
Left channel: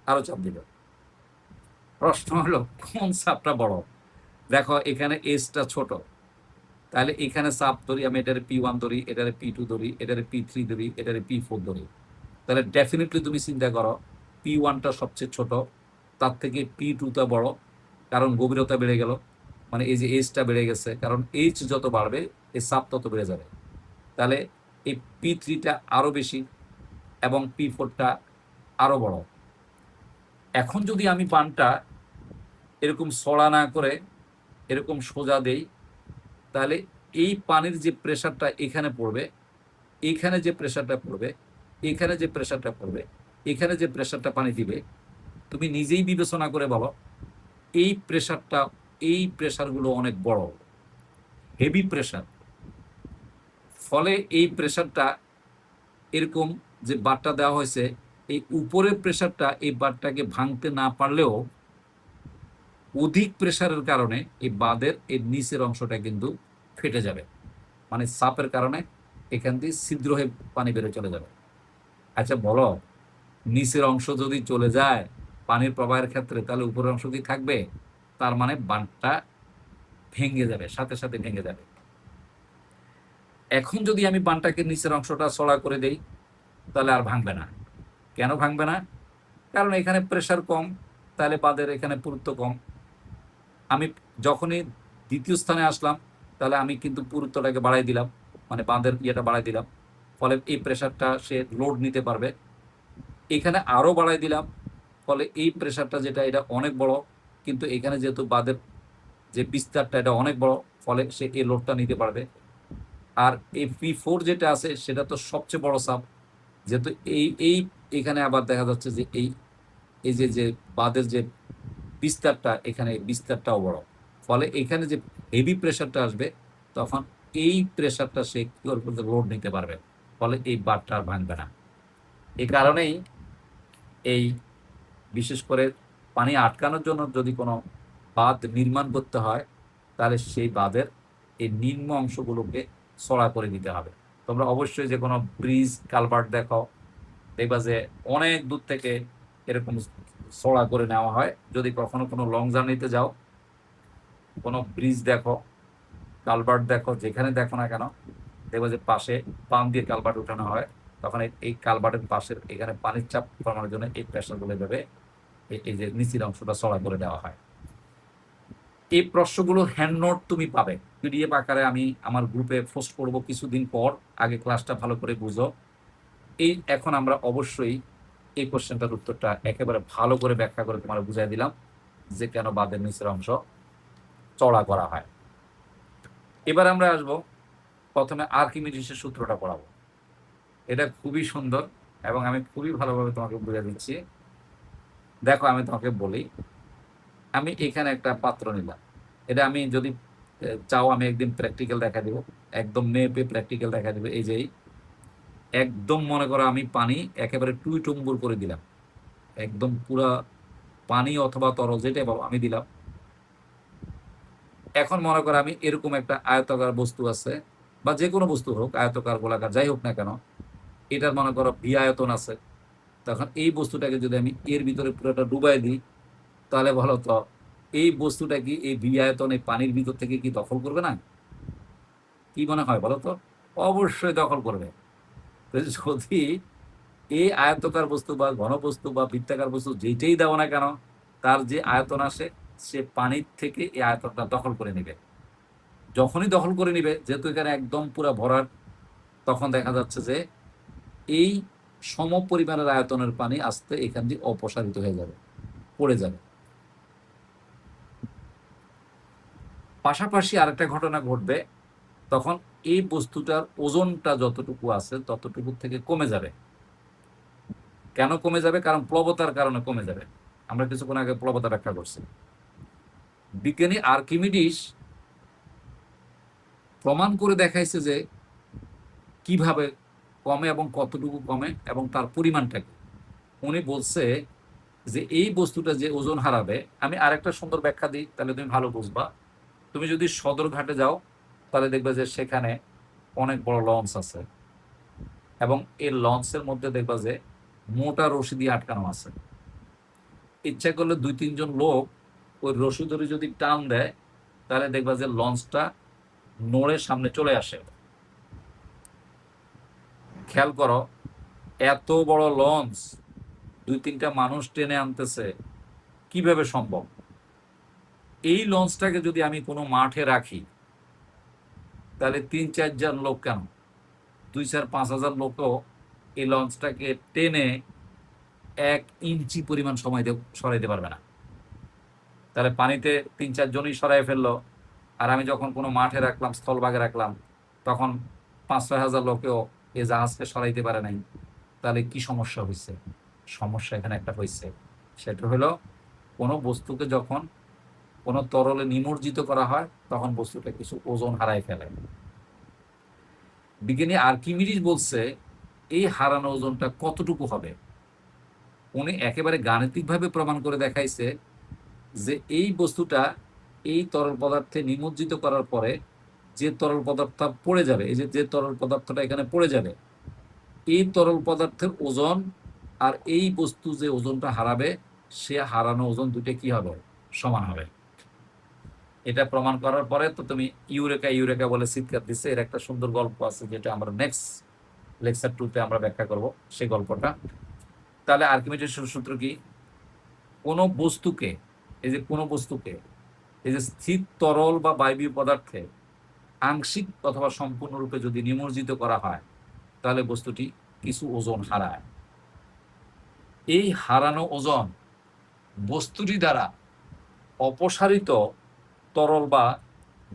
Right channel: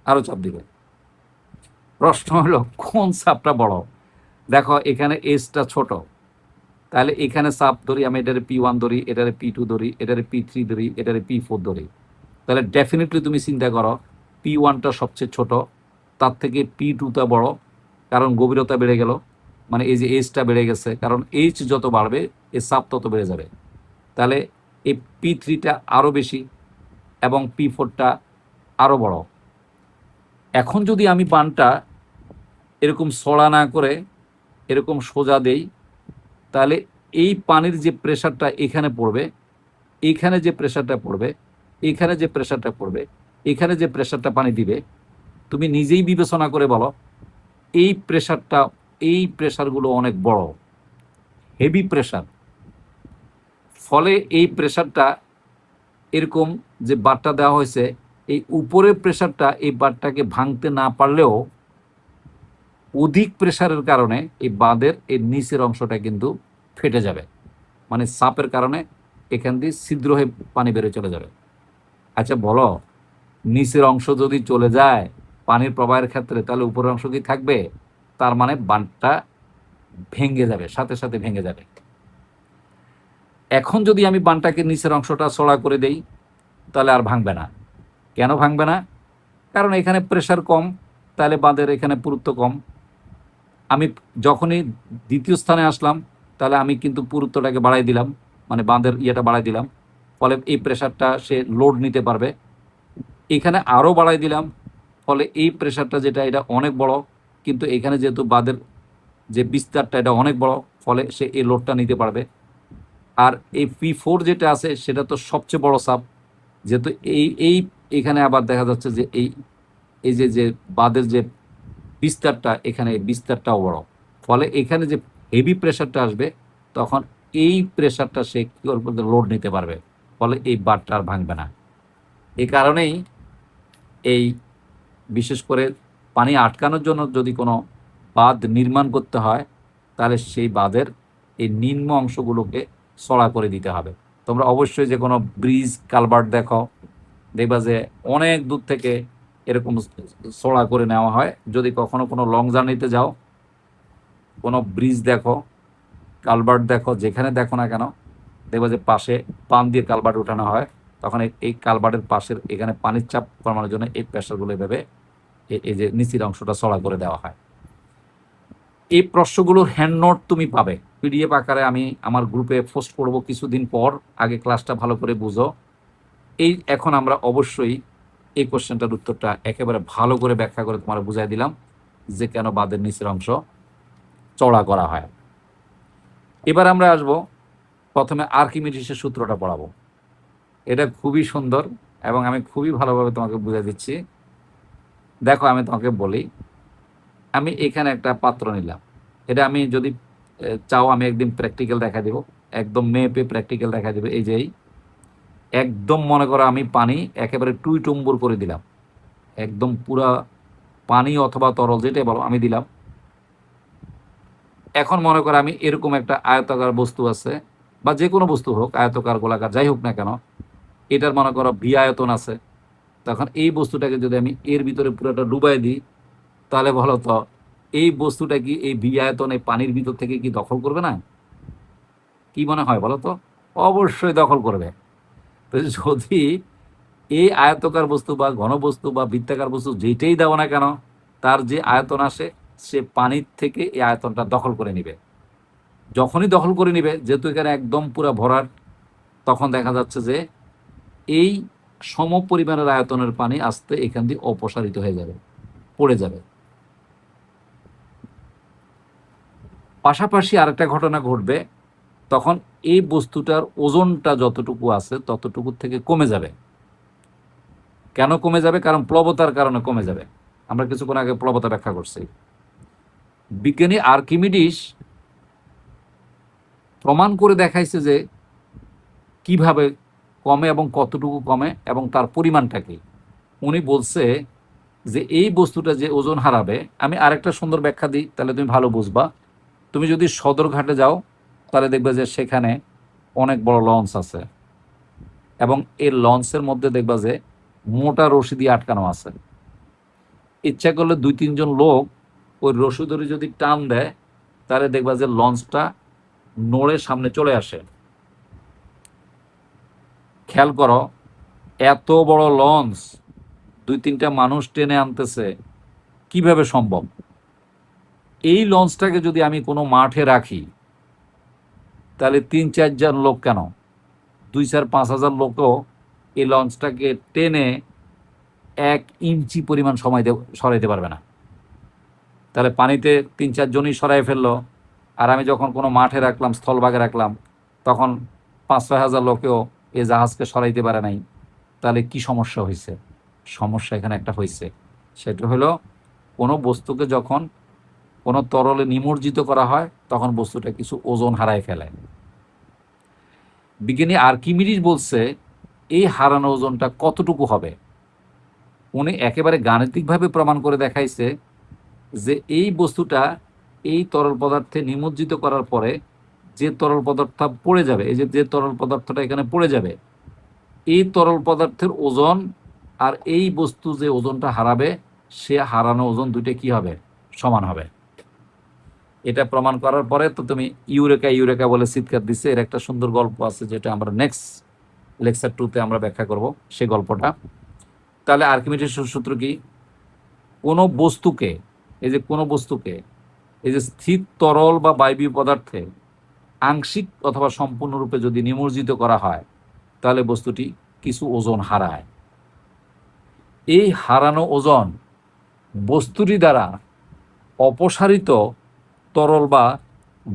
আরো চাপ দিবে। প্রশ্ন হলো কোন চাপটা বড়? দেখো, এখানে এসটা ছোট, তাহলে এখানে চাপ ধরি আমি, এটারে P1 ধরি, এটারে P2 ধরি, এটারে P3 ধরি, এটারে P4 ধরি, তাহলে ডেফিনেটলি তুমি চিন্তা করো P1টা সবচেয়ে ছোট, তার থেকে P2টা বড়, কারণ গভীরতা বেড়ে গেল, মানে এই যে এইচটা বেড়ে গেছে, কারণ এইচ যত বাড়বে এই চাপ তত বেড়ে যাবে। তাহলে এই P3টা আরো বেশি এবং P4টা আরো বড়। এখন যদি আমি বানটা এরকম সরা না করে এরকম সোজা দেই, তাহলে এই পানির যে প্রেসারটা এখানে পড়বে, এইখানে যে প্রেসারটা পড়বে, এখানে যে প্রেসারটা পড়বে, এখানে যে প্রেসারটা পানি দিবে, তুমি নিজেই বিবেচনা করে বলো এই প্রেসারটা, এই প্রেসারগুলো অনেক বড়, হেভি প্রেসার। ফলে এই প্রেসারটা এরকম যে বারটা দেওয়া হয়েছে, এই উপরের প্রেসারটা এই বারটাকে ভাঙতে না পারলেও অধিক প্রেসারের কারণে এই বাঁধের এই নিচের অংশটা কিন্তু ফেটে যাবে, মানে চাপের কারণে এখান দিয়ে ছিদ্র হয়ে পানি বেড়ে চলে যাবে। আচ্ছা বলো, নিচের অংশ যদি চলে যায় পানির প্রবাহের ক্ষেত্রে, তাহলে উপরের অংশ কি থাকবে? তার মানে বাঁধটা ভেঙে যাবে, সাথে সাথে ভেঙে যাবে। এখন যদি আমি বাঁধটাকে নিচের অংশটা চড়া করে দেই, তাহলে আর ভাঙবে না। কেন ভাঙবে না? কারণ এখানে প্রেসার কম, তাহলে বাঁধের এখানে পুরুত্ব কম। আমি যখনই দ্বিতীয় স্থানে আসলাম, তাহলে আমি কিন্তু পুরুত্বটাকে বাড়াই দিলাম, মানে বাঁধের ইয়েটা বাড়াই দিলাম, ফলে এই প্রেসারটা সে লোড নিতে পারবে। এখানে আরও বাড়াই দিলাম, ফলে এই প্রেসারটা যেটা এটা অনেক বড়, কিন্তু এখানে যেহেতু বাঁধের যে বিস্তারটা এটা অনেক বড়, ফলে সে এই লোডটা নিতে পারবে। আর এই P4 যেটা আছে সেটা তো সবচেয়ে বড় চাপ, যেহেতু এই এখানে আবার দেখা যাচ্ছে যে এই যে বাঁধের যে বিস্তারটা, এখানে বিস্তারটাও বড়, ফলে এখানে যে হেভি প্রেসারটা আসবে তখন এই প্রেসারটা সে কি করবে, লোড নিতে পারবে, ফলে এই বারটা আর ভাঙবে না। এই কারণেই এই বিশেষ করে পানি আটকানোর জন্য যদি কোনো বাঁধ নির্মাণ করতে হয়, তাহলে সেই বাঁধের এই নিম্ন অংশগুলোকে চড়া করে দিতে হবে। তোমরা অবশ্যই যে কোনো ব্রিজ কালভার্ট দেখো, দেখবা যে অনেক দূর থেকে এরকম চড়া করে নেওয়া হয়। যদি কখনো কোনো লং জার্নিতে যাও, কোনো ব্রিজ দেখো, কালভার্ট দেখো, যেখানে দেখো না কেন, দেখবা যে পাশে পান দিয়ে কালভার্ট উঠানো হয়। তখন এই কালভার্টের পাশের এখানে পানির চাপ কমানোর জন্য এই প্রেশারগুলো এভাবে এই যে নিচের অংশটা চড়া করে দেওয়া হয়। এই প্রশ্নগুলোর হ্যান্ড নোট তুমি পাবে পিডিএফ আকারে। আমি আমার গ্রুপে পোস্ট করব কিছুদিন পর। আগে ক্লাসটা ভালো করে বুঝো। এখন আমরা অবশ্যই এই কোশ্চেনটার উত্তরটা একেবারে ভালো করে ব্যাখ্যা করে তোমার বুঝাই দিলাম যে কেন বাঁধের নিচের অংশ চড়া করা হয়। এবার আমরা আসব, প্রথমে আর্কিমিডিসের সূত্রটা পড়াবো। এটা খুবই সুন্দর এবং আমি খুবই ভালোভাবে তোমাকে বুঝিয়ে দিচ্ছি। দেখো, আমি তোমাকে বলি, আমি এখানে একটা পাত্র নিলাম। এটা আমি যদি চাও আমি একদিন প্র্যাকটিক্যাল দেখা দিব, একদম মেপে প্র্যাকটিক্যাল দেখা দিব। এই যে একদম মনে করো আমি পানি একেবারে টুইটুম্বুর করে দিলাম, একদম পুরা পানি অথবা তরল যেটাই বলো আমি দিলাম। এখন মনে করো আমি এরকম একটা আয়তাকার বস্তু আছে, বা যে কোনো বস্তু হোক, আয়তকার গোলাকার যাই হোক না কেন, এটার মনে করো ভি আয়তন আছে। তখন এই বস্তুটাকে যদি আমি এর ভিতরে পুরোটা ডুবাই দিই, তাহলে বলো তো এই বস্তুটা কি এই ভি আয়তন এই পানির ভিতর থেকে কি দখল করবে না? কি মনে হয় বলো তো? অবশ্যই দখল করবে। তো যদি এই আয়তকার বস্তু বা ঘন বস্তু বা বৃত্তাকার বস্তু যেটাই দাও না কেন, তার যে আয়তন আসে সে পানির থেকে এই আয়তনটা দখল করে নিবে। যখনই দখল করে নিবে, যেহেতু এখানে একদম পুরো ভরাট, তখন দেখা যাচ্ছে যে এই সম পরিমাণের আয়তনের পানি আস্তে এখান দিয়ে অপসারিত হয়ে যাবে, পড়ে যাবে। পাশাপাশি আরেকটা ঘটনা ঘটবে, তখন এই বস্তুটার ওজনটা যতটুকু আছে ততটুকু থেকে কমে যাবে। কেন কমে যাবে? কারণ প্লবতার কারণে কমে যাবে। আমরা কিছুক্ষণ আগে প্লবতা ব্যাখ্যা করছি। বিজ্ঞানী আর্কিমিডিস প্রমাণ করে দেখাইছে যে কিভাবে কমে এবং কতটুকু কমে এবং তার পরিমাণটা কি। উনি বলছে যে এই বস্তুটা যে ওজন হারাবে, আমি আরেকটা সুন্দর ব্যাখ্যা দিই তাহলে তুমি ভালো বুঝবা। তুমি যদি সদরঘাটে যাও, তাহলে দেখবে যে সেখানে অনেক বড় লঞ্চ আছে এবং এই লঞ্চের মধ্যে দেখবা যে মোটা রশি দিয়ে আটকানো আছে। ইচ্ছা করলে 2-3 জন লোক ওই রশি ধরে যদি টান দেয়, তাহলে দেখবা যে লঞ্চটা নড়ে সামনে চলে আসে। খেয়াল করো, এত বড় লঞ্চ 2-3টা মানুষ টেনে আনতেছে, কিভাবে সম্ভব? এই লঞ্চটাকে যদি আমি কোনো মাঠে রাখি, তাহলে 3-4 জন লোক কেন, 2-4-5 হাজার লোকও এই লঞ্চটাকে টেনে 1 ইঞ্চি পরিমাণ সময় সরাইতে পারবে না। তাহলে পানিতে 3-4 জনই সরাই ফেললো, আর আমি যখন কোনো মাঠে রাখলাম, স্থলভাগে রাখলাম, তখন 5-6 হাজার লোকেও এই জাহাজকে সরাইতে পারে নাই। তাহলে কি সমস্যা হয়েছে? সমস্যা এখানে একটা হয়েছে, সেটা হলো কোনো বস্তুকে যখন কোনো তরলে নিমজ্জিত করা হয়, তখন বস্তুটা কিছু ওজন হারায় ফেলে। বিজ্ঞানী আর্কিমিডিস বলছে এই হারানো ওজনটা কতটুকু হবে। উনি একেবারে গাণিতিকভাবে প্রমাণ করে দেখাইছে যে এই বস্তুটা এই তরল পদার্থে নিমজ্জিত করার পরে যে তরল পদার্থ পড়ে যাবে, এই যে তরল পদার্থটা এখানে পড়ে যাবে, এই তরল পদার্থের ওজন আর এই বস্তু যে ওজনটা হারাবে, সে হারানো ওজন দুটো কি হবে? সমান হবে। এটা প্রমাণ করার পরে তো তুমি ইউরেকা ইউরেকা বলে চিৎকার দিচ্ছে। এর একটা সুন্দর গল্প আছে, যেটা আমরা নেক্সট লেকচার 2-তে আমরা ব্যাখ্যা করব সেই গল্পটা। তাহলে আর্কিমিডিসের সূত্র কি? কোনো বস্তুকে, এই যে কোনো বস্তুকে এই যে স্থির তরল বা বায়বীয় পদার্থে আংশিক অথবা সম্পূর্ণরূপে যদি নিমজ্জিত করা হয়, তাহলে বস্তুটি কিছু ওজন হারায়। এই হারানো ওজন বস্তুটি দ্বারা অপসারিত তরল বা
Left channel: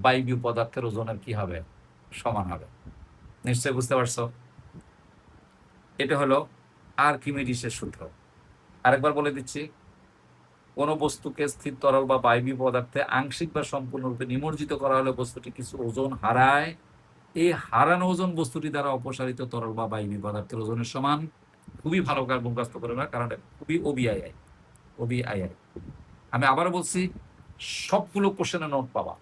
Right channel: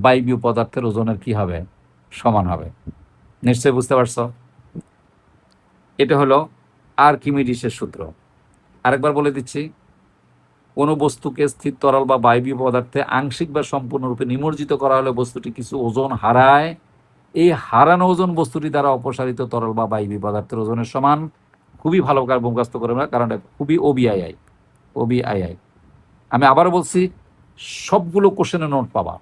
বায়বীয় পদার্থের ওজনের কি হবে? সমান হবে। নিশ্চয়ই বুঝতে পারছো? এটা হলো আর্কিমিডিসের সূত্র। আরেকবার বলে দিচ্ছি, কোনো বস্তুকে স্থির তরল বা বায়বীয় পদার্থে আংশিক বা সম্পূর্ণরূপে নিমজ্জিত করা হলে বস্তুটি কিছু ওজন হারায়। এই হারানো ওজন বস্তুটি দ্বারা অপসারিত তরল বা বায়বীয় পদার্থের ওজনের সমান। খুবই ভালো কার মুখস্থ করে না, কারণ এটা খুবই ওবিআইআই। আমি আবার বলছি, সবগুলো কোশ্চেনের নোট পাবা,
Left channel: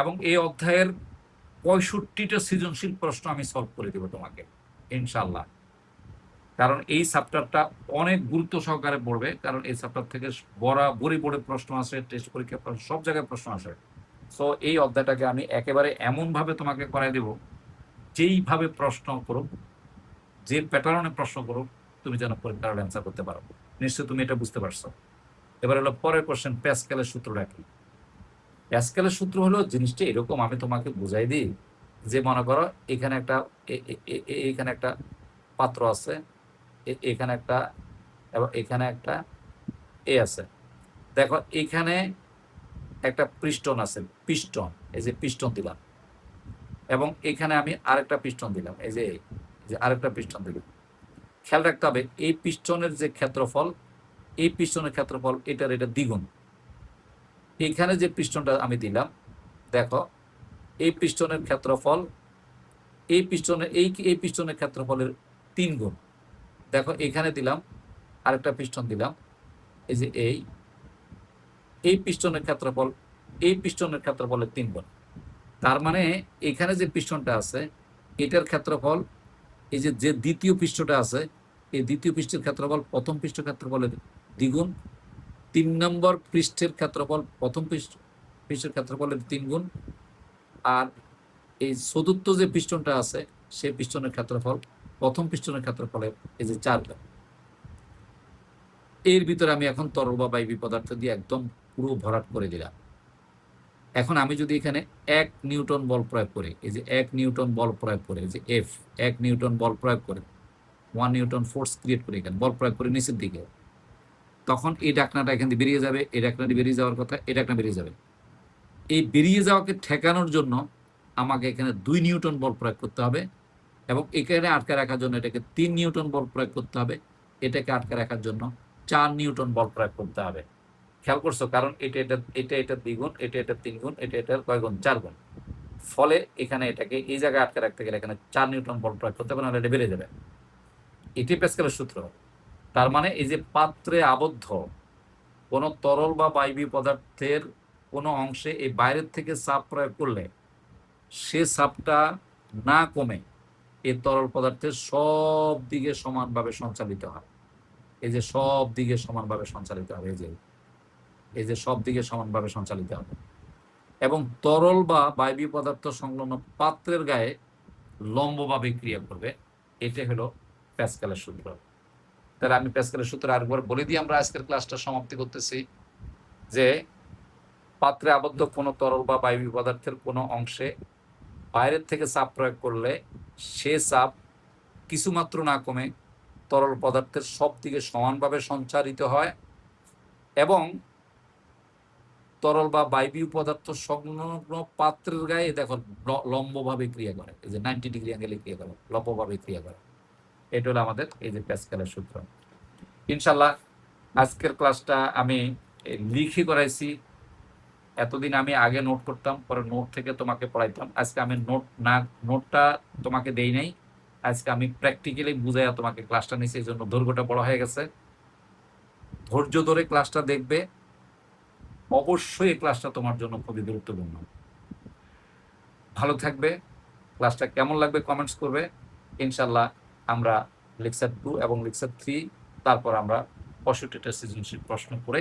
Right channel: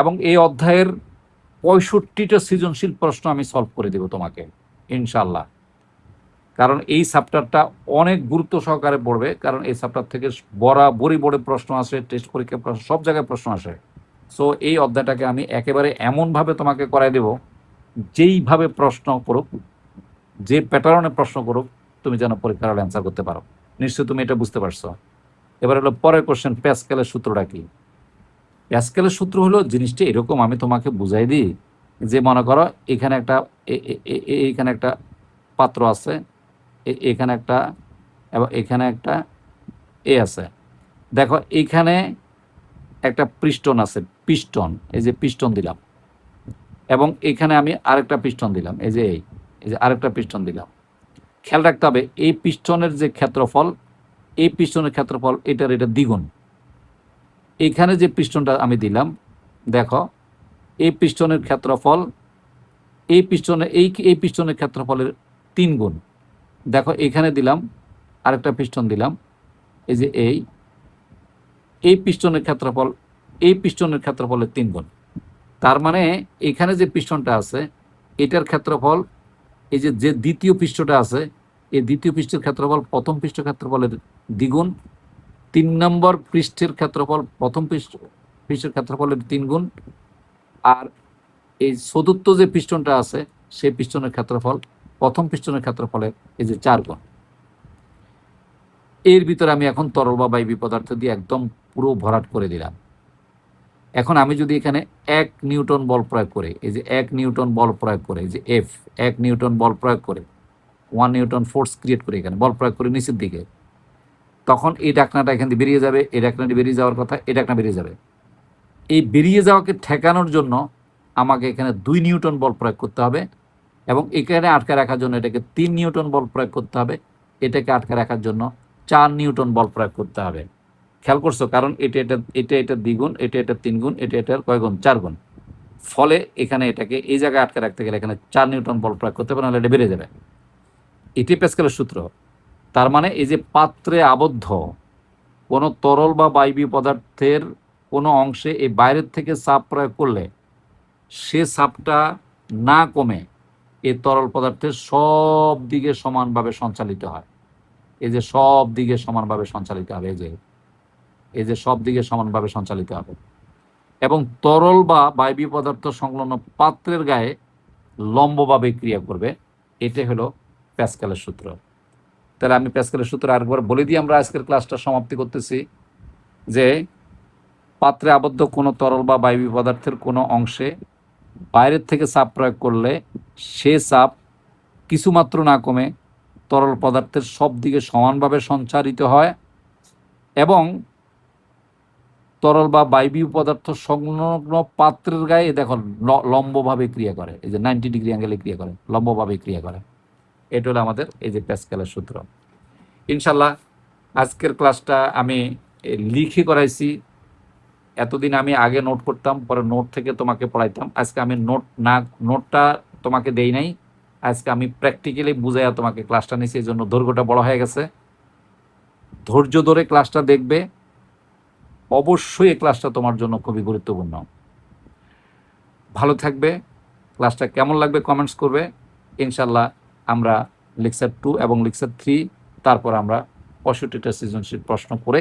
এবং এই অধ্যায়ের 65টা সৃজনশীল প্রশ্ন আমি সলভ করে দেব তোমাকে ইনশাল্লাহ। কারণ এই চ্যাপ্টারটা অনেক গুরুত্ব সহকারে পড়বে, কারণ এই চ্যাপ্টার থেকে বরাবরই বোর্ডে প্রশ্ন আসে, টেস্ট পরীক্ষা প্রশ্ন, সব জায়গায় প্রশ্ন আসে। সো এই অধ্যায়টাকে আমি একেবারে এমনভাবে তোমাকে করাই দেব, যেইভাবে প্রশ্ন করুক, যে প্যাটার্নে প্রশ্ন করুক, তুমি যেন পরীক্ষার হলে অ্যান্সার করতে পারো। নিশ্চয়ই তুমি এটা বুঝতে পারছো। এবার হলো পরের কোশ্চেন, প্যাসকেলের সূত্রটা কি? প্যাসকেলের সূত্র হলো জিনিসটা এরকম, আমি তোমাকে বুঝাই দিই যে মনে করো এখানে একটা এইখানে একটা পাত্র আছে, এখানে একটা, এবং এখানে একটা এ আছে। দেখো এইখানে একটা পিস্টন আছে, পিস্টন, এই যে পিস্টন দিলাম, এবং এখানে আমি আরেকটা পিস্টন দিলাম, এই যে আরেকটা পিস্টন দিলাম। খেয়াল রাখতে হবে এই পিস্টনের যে ক্ষেত্রফল, এই পিস্টনের ক্ষেত্রফল এটা দ্বিগুণ। এইখানে যে পিস্টনটা আমি দিলাম, দেখো এই পিস্টনের ক্ষেত্রফল এই পিস্টনের ক্ষেত্রফলের 3 গুণ। দেখো এখানে দিলাম, আরেকটা পিস্টন দিলাম, এই যে এই পিস্টনের ক্ষেত্রফল এই পিস্টনের ক্ষেত্রফলের 3 গুণ। তার মানে এখানে যে পিস্টনটা আছে এটার ক্ষেত্রফল, এই যে দ্বিতীয় পৃষ্ঠটা আছে, এই দ্বিতীয় পৃষ্ঠের ক্ষেত্রফল প্রথম পৃষ্ঠের ক্ষেত্রফলের দ্বিগুণ। 3 নম্বর পৃষ্ঠের ক্ষেত্রফল প্রথম পৃষ্ঠের ক্ষেত্রফলের 3 গুণ। আর এই চতুর্থ যে পিস্টনটা আছে সেই পিস্টনের ক্ষেত্রফল প্রথম পিস্টনের ক্ষেত্রফলের এই যে 4 গুণ। এর ভিতরে আমি এখন তরল বা বায়বীয় পদার্থ দিয়ে একদম পুরো ভরাট করে দিলাম। এখন আমি যদি এখানে 1 নিউটন বল প্রয়োগ করে, এই যে 1 নিউটন বল প্রয়োগ করে, এই যে এফ 1 নিউটন বল প্রয়োগ করে 1 নিউটন ফোর্স ক্রিয়েট করে এখানে বল প্রয়োগ করে নিচের দিকে, তখন এই ডাকনাটা এখান থেকে বেরিয়ে যাবে, এই ডাকনাটি বেরিয়ে যাওয়ার কথা, এই ডাকনা বেরিয়ে যাবে। এই বেরিয়ে যাওয়াকে ঠেকানোর জন্য আমাকে এখানে 2 নিউটন বল প্রয়োগ করতে হবে, এবং এখানে আটকে রাখার জন্য এটাকে 3 নিউটন বল প্রয়োগ করতে হবে, এটাকে আটকে রাখার জন্য 4 নিউটন বল প্রয়োগ করতে হবে। খেয়াল করছো? কারণ এটা দ্বিগুণ, এটা 3 গুণ, এটার কয় গুণ? 4 গুণ। ফলে এখানে এটাকে এই জায়গায় আটকে রাখতে গেলে এখানে 4 নিউটন বল প্রয়োগ করতে হবে, নাহলে এটা বেড়ে যাবে। এটি প্যাসকেলের সূত্র। তার মানে এই যে পাত্রে আবদ্ধ কোনো তরল বা বায়বীয় পদার্থের কোনো অংশে এই বাইরের থেকে চাপ প্রয়োগ করলে সে চাপটা না কমে এই তরল পদার্থের সব দিকে সমানভাবে সঞ্চালিত হয়। এই যে সব দিকে সমানভাবে সঞ্চালিত হবে, এই যে সব দিকে সমানভাবে সঞ্চালিত হবে, এবং তরল বা বায়বীয় পদার্থ সংলগ্ন পাত্রের গায়ে লম্বভাবে ক্রিয়া করবে। এটাই হলো প্যাসকেলের সূত্র। তাহলে আমি প্যাসকেলের সূত্র আরেকবার বলে দিয়ে আমরা আজকের ক্লাসটা সমাপ্তি করতেছি, যে পাত্রে আবদ্ধ কোনো তরল বা বায়বীয় পদার্থের কোনো অংশে বাইরের থেকে চাপ প্রয়োগ করলে সে চাপ কিছুমাত্র না কমে তরল পদার্থের সব দিকে সমানভাবে সঞ্চারিত হয়, এবং তরল বা বায়বীয় পদার্থ সংলগ্ন পাত্রের গায়ে দেখো লম্বভাবে ক্রিয়া করে, এই যে 90 ডিগ্রি অ্যাঙ্গেলে ক্রিয়া করে, লম্বভাবে ক্রিয়া করে। এটা হলো আমাদের এই যে প্যাসকেলের সূত্র। ইনশাল্লাহ আজকের ক্লাসটা আমি লিখে করাইছি। এতদিন আমি আগে নোট করতাম, পরে নোট থেকে তোমাকে পড়াইতাম। আজকে আমি নোটটা তোমাকে দেই নাই, আজকে আমি প্র্যাকটিক্যালি বুঝাইয়া তোমাকে ক্লাসটা নিয়েছি, এই জন্য দৈর্ঘ্যটা বড় হয়ে গেছে। ধৈর্য ধরে ক্লাসটা দেখবে, অবশ্যই এই ক্লাসটা তোমার জন্য খুবই গুরুত্বপূর্ণ। ভালো থাকবে। ক্লাসটা কেমন লাগবে কমেন্টস করবে। ইনশাল্লাহ আমরা লেকচার 2 এবং লেকচার 3, তারপর আমরা 65টা সৃজনশীল প্রশ্ন করে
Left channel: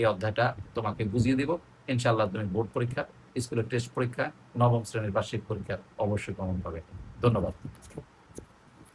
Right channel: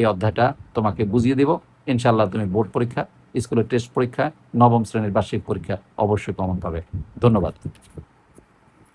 এই অধ্যায়টা তোমাকে বুঝিয়ে দেব। ইনশাল্লাহ তুমি বোর্ড পরীক্ষা, স্কুলের টেস্ট পরীক্ষা, 9ম শ্রেণীর বার্ষিক পরীক্ষা অবশ্যই কমন পাবে। ধন্যবাদ।